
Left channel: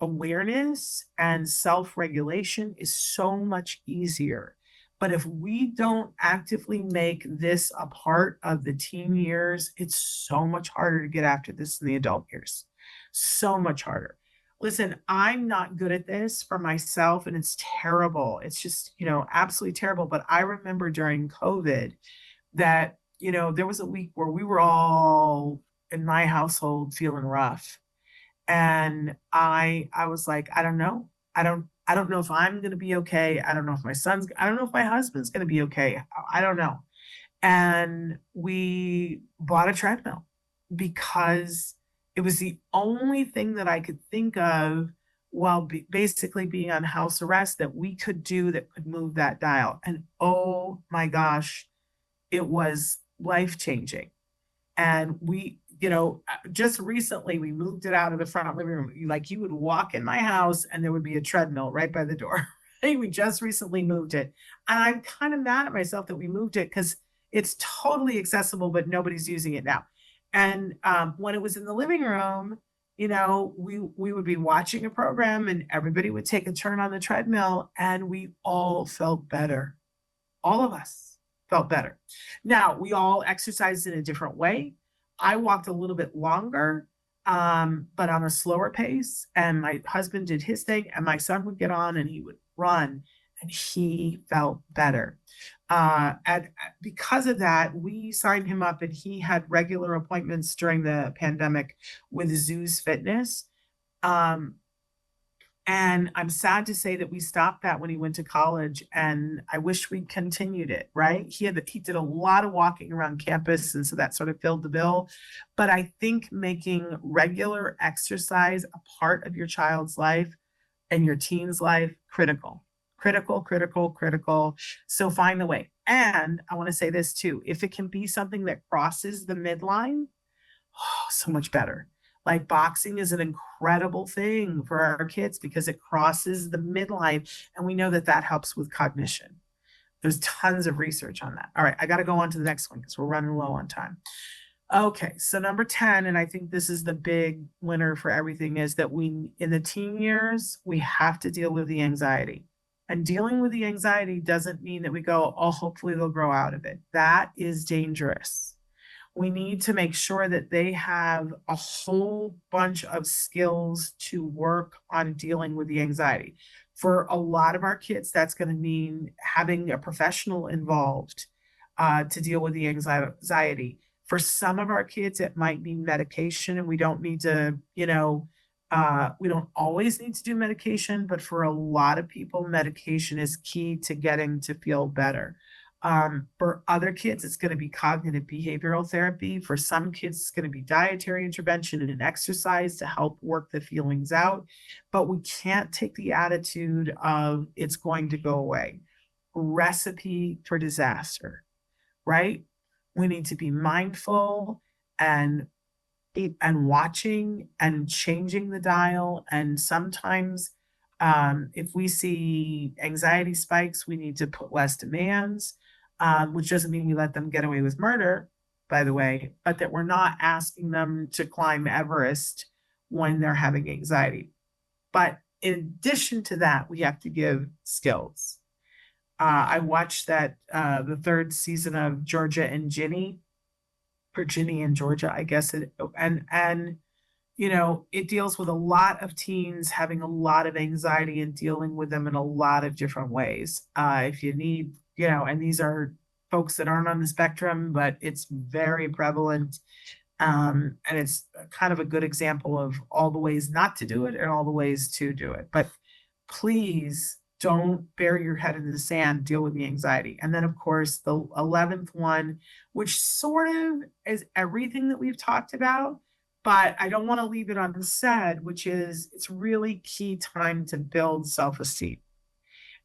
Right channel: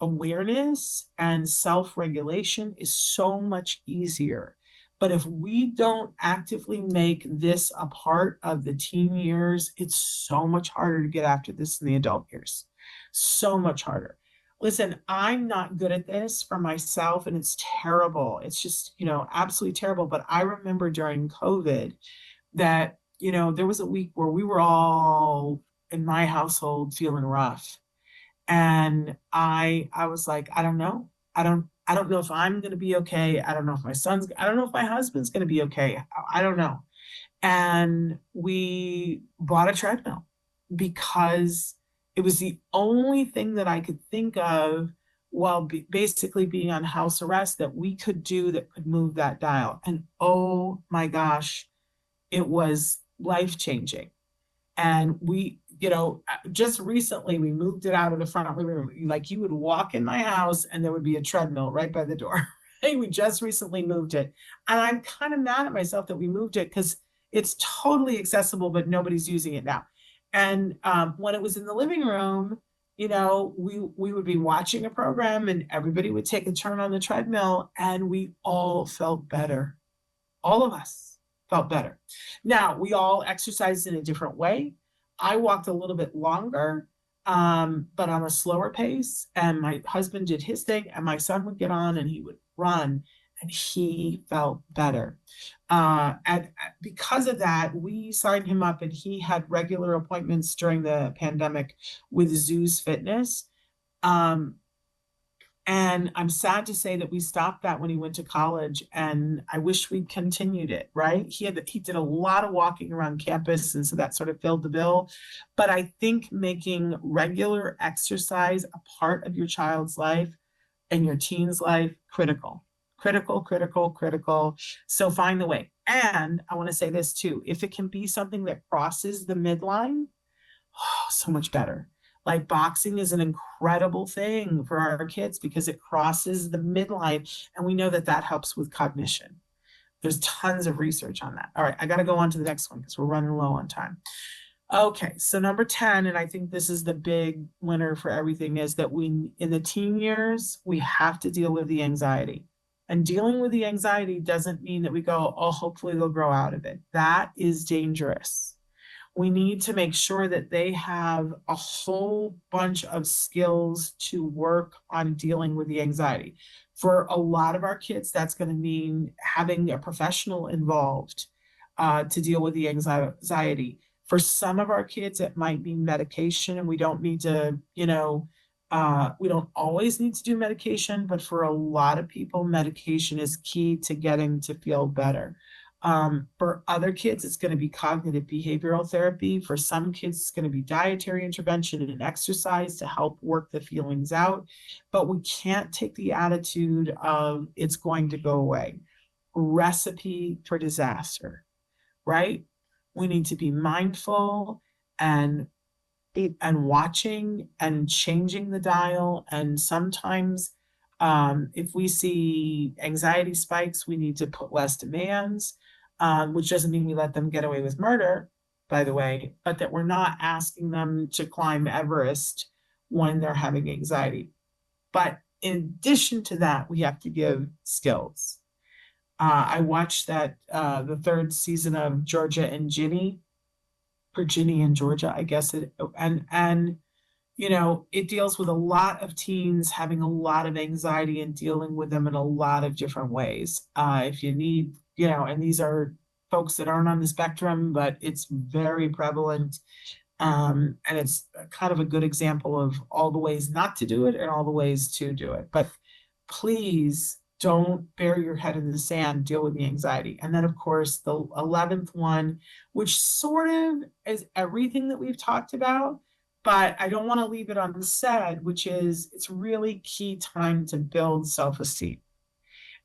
awareness and self regulation is so much easier. But if we don't actively make this a part of the teen years, it's so much harder to get after this in the adult years. So much harder. Listen, I'm not good at this for myself, and it's terrible. It's just, absolutely terrible. But I remember during COVID that, there was a week where we were all in my household feeling rough. And I was like, I don't know. I don't know if I'm gonna be okay. I don't know if my husband's gonna be okay. I don't know. And we bought a treadmill because it was the only thing that I could think of while basically being on house arrest that we could do that could move that dial. And oh my gosh, it was life changing. And just recently we moved it out of the front of the living room. Like you would walk in my house and there would be a treadmill right by the door. Hey, we just recently moved it. And I'm kind of mad at myself that we moved it because it's totally accessible, but nobody's using it now. And when it was in the living room, we would be watching a program and everybody would take a turn on the treadmill and we all felt better. All of us felt better. Now, we all exercised in a different way. I walked a little bit longer, but on a slower pace. And my husband did his thing, and my son would get on and he would run, and he felt better. And because of that, we signed him up, and he had regular appointments during the pandemic with Zeus Fitness. Um, and I'm sad to say that we stopped that when he went to college, and I wish we continued it, right? He did a lot of walking around campus, and so that sort of filled the bill. But I think making regular exercise a part of your child's life and your teen's life, critical. Critical, critical, critical. So find the way. And I want to say this too. If it can be something that crosses the midline, so much better. Like boxing is an incredible thing for our kids because it crosses the midline. And we know that that helps with cognition. There's tons of research on that. All right, I got to go on to the next one because we're running low on time. Okay, so number 10, and I think this is the big winner for everything, is that in the teen years, we have to deal with the anxiety. And dealing with the anxiety doesn't mean that we go, oh, hopefully they'll grow out of it. That is dangerous. We need to make sure that they have a whole bunch of skills to work on dealing with the anxiety. For a lot of our kids, that's going to mean having a professional involved to deal with the anxiety. For some of our kids, it might be medication, and we don't need to, we don't always need to do medication, but for a lot of people, medication is key to getting to feel better. For other kids, it's going to be cognitive behavioral therapy. For some kids, it's going to be dietary intervention and an exercise to help work the feelings out. But we can't take the attitude of it's going to go away. Recipe for disaster, right? We need to be mindful and watching and changing the dial. And sometimes if we see anxiety spikes, we need to put less demands. Which doesn't mean we let them get away with murder, by the way, but that we're not asking them to climb Everest when they're having anxiety. But in addition to that, we have to give skills. I watched the third season of Georgia and Ginny, or Ginny and Georgia, I guess. And it deals with a lot of teens having a lot of anxiety and dealing with them in a lot of different ways. If you need, and these are folks that aren't on the spectrum, but it's very prevalent. And it's kind of a good example of all the ways not to do it and all the ways to do it. But please don't bury your head in the sand, deal with the anxiety. And then, of course, the 11th one, which sort of is everything that we've talked about, but I don't want to leave it unsaid, which is it's really key time to build self esteem.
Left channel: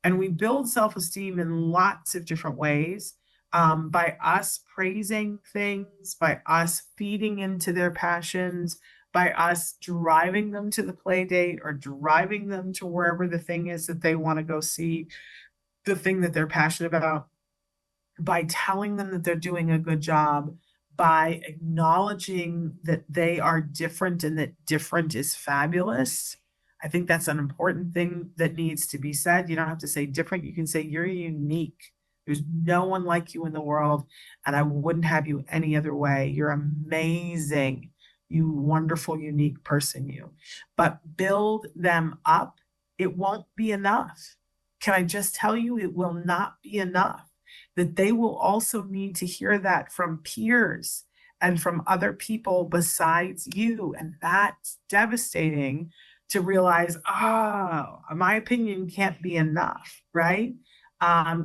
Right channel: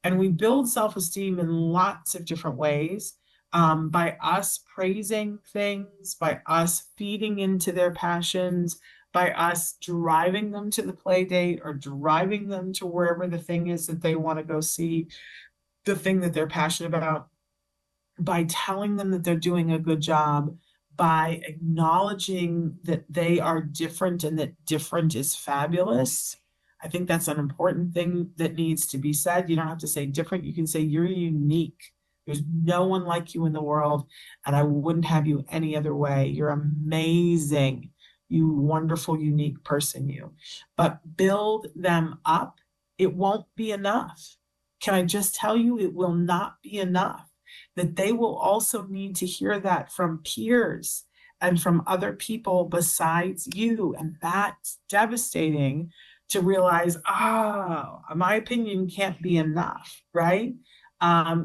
And we build self esteem in lots of different ways, by us praising things, by us feeding into their passions, by us driving them to the play date or driving them to wherever the thing is that they want to go see, the thing that they're passionate about, by telling them that they're doing a good job, by acknowledging that they are different and that different is fabulous. I think that's an important thing that needs to be said. You don't have to say different. You can say you're unique. There's no one like you in the world, and I wouldn't have you any other way. You're amazing, you wonderful, unique person, you. But build them up. It won't be enough. Can I just tell you, it will not be enough. That they will also need to hear that from peers and from other people besides you. And that's devastating to realize, oh, my opinion can't be enough, right?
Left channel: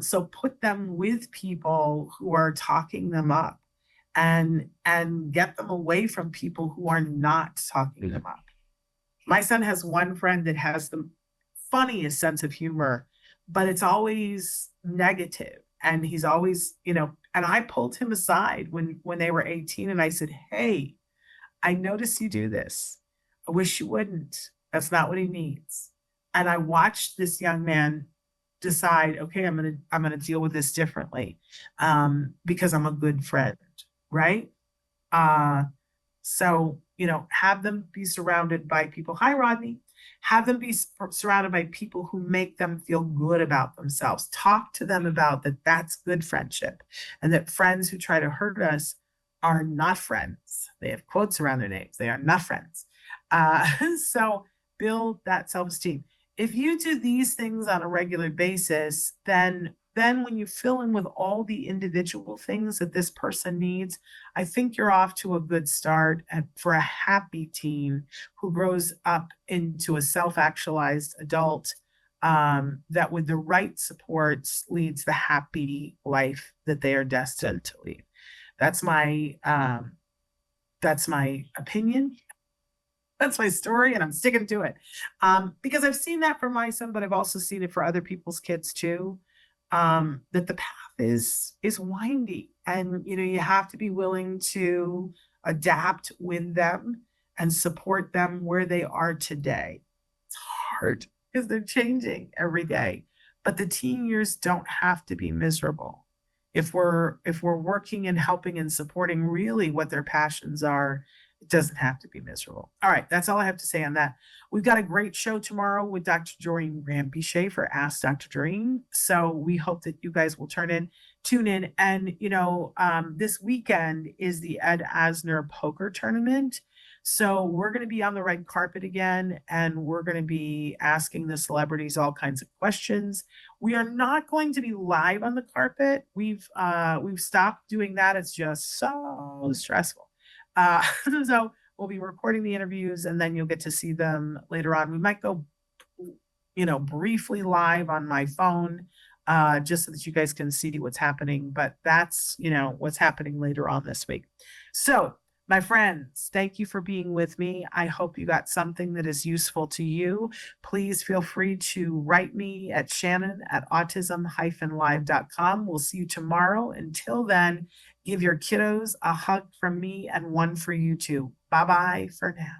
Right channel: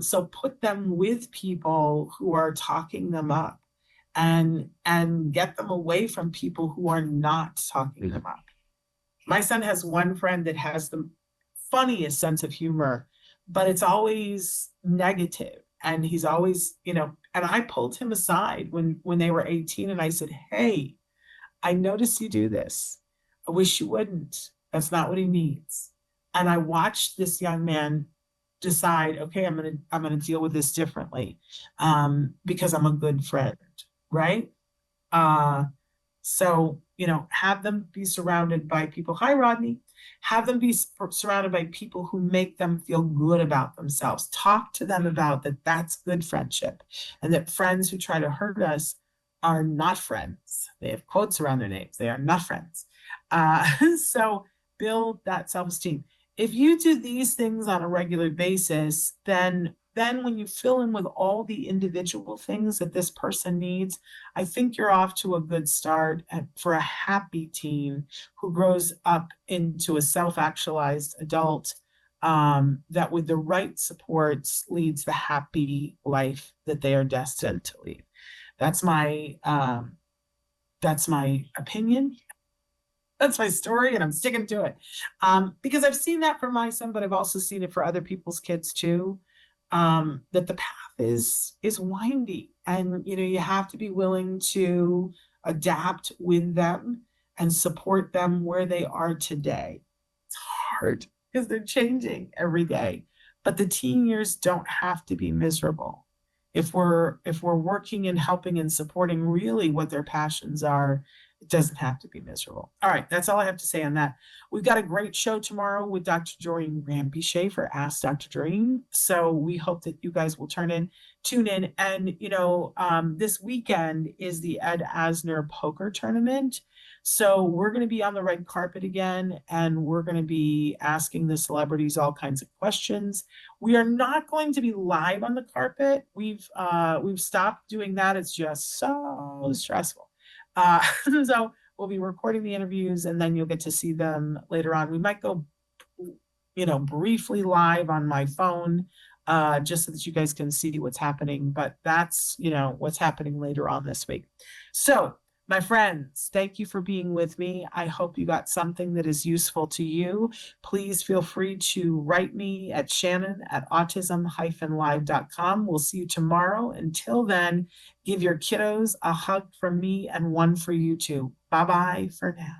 So put them with people who are talking them up and get them away from people who are not talking them up. My son has one friend that has the funniest sense of humor, but it's always negative. And he's always, and I pulled him aside when they were 18 and I said, hey, I noticed you do this. I wish you wouldn't. That's not what he needs. And I watched this young man decide, okay, I'm gonna deal with this differently, because I'm a good friend, right? So have them be surrounded by people. Hi, Rodney. Have them be surrounded by people who make them feel good about themselves. Talk to them about that. That's good friendship, and that friends who try to hurt us are not friends. They have quotes around their names. They are not friends. So build that self-esteem. If you do these things on a regular basis, then when you fill in with all the individual things that this person needs, I think you're off to a good start for a happy teen who grows up into a self-actualized adult, that with the right supports leads the happy life that they are destined to lead. That's my opinion. That's my story, and I'm sticking to it, because I've seen that for my son, but I've also seen it for other people's kids too. That the path is windy, and you have to be willing to adapt with them and support them where they are today. It's hard because they're changing every day, but the teen years don't have to be miserable. If we're working and helping and supporting really what their passions are, it doesn't have to be miserable. All right, that's all I have to say on that. We've got a great show tomorrow with Dr. Doreen Rampe for Ask Dr. Doreen. So we hope that you guys will tune in. And, this weekend is the Ed Asner poker tournament. So we're going to be on the red carpet again, and we're going to be asking the celebrities all kinds of questions. We are not going to be live on the carpet. We've stopped doing that. It's just so stressful. So we'll be recording the interviews, and then you'll get to see them later on. We might go, briefly live on my phone, just so that you guys can see what's happening. But that's, what's happening later on this week. So, my friends, thank you for being with me. I hope you got something that is useful to you. Please feel free to write me at shannon@autism-live.com. We'll see you tomorrow. Until then, give your kiddos a hug from me and one for you too. Bye-bye for now.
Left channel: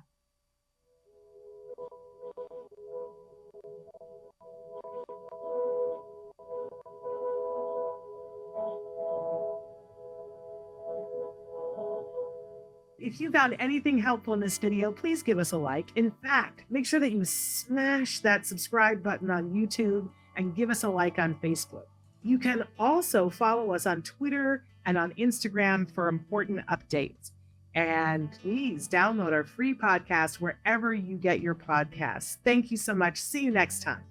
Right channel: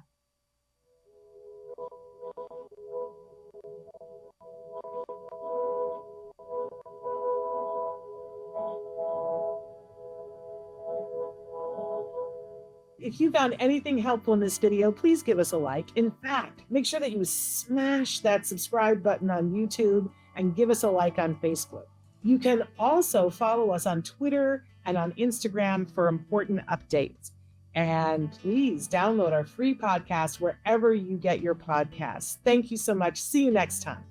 If you found anything helpful in this video, please give us a like. In fact, make sure that you smash that subscribe button on YouTube and give us a like on Facebook. You can also follow us on Twitter and on Instagram for important updates. And please download our free podcast wherever you get your podcasts. Thank you so much. See you next time.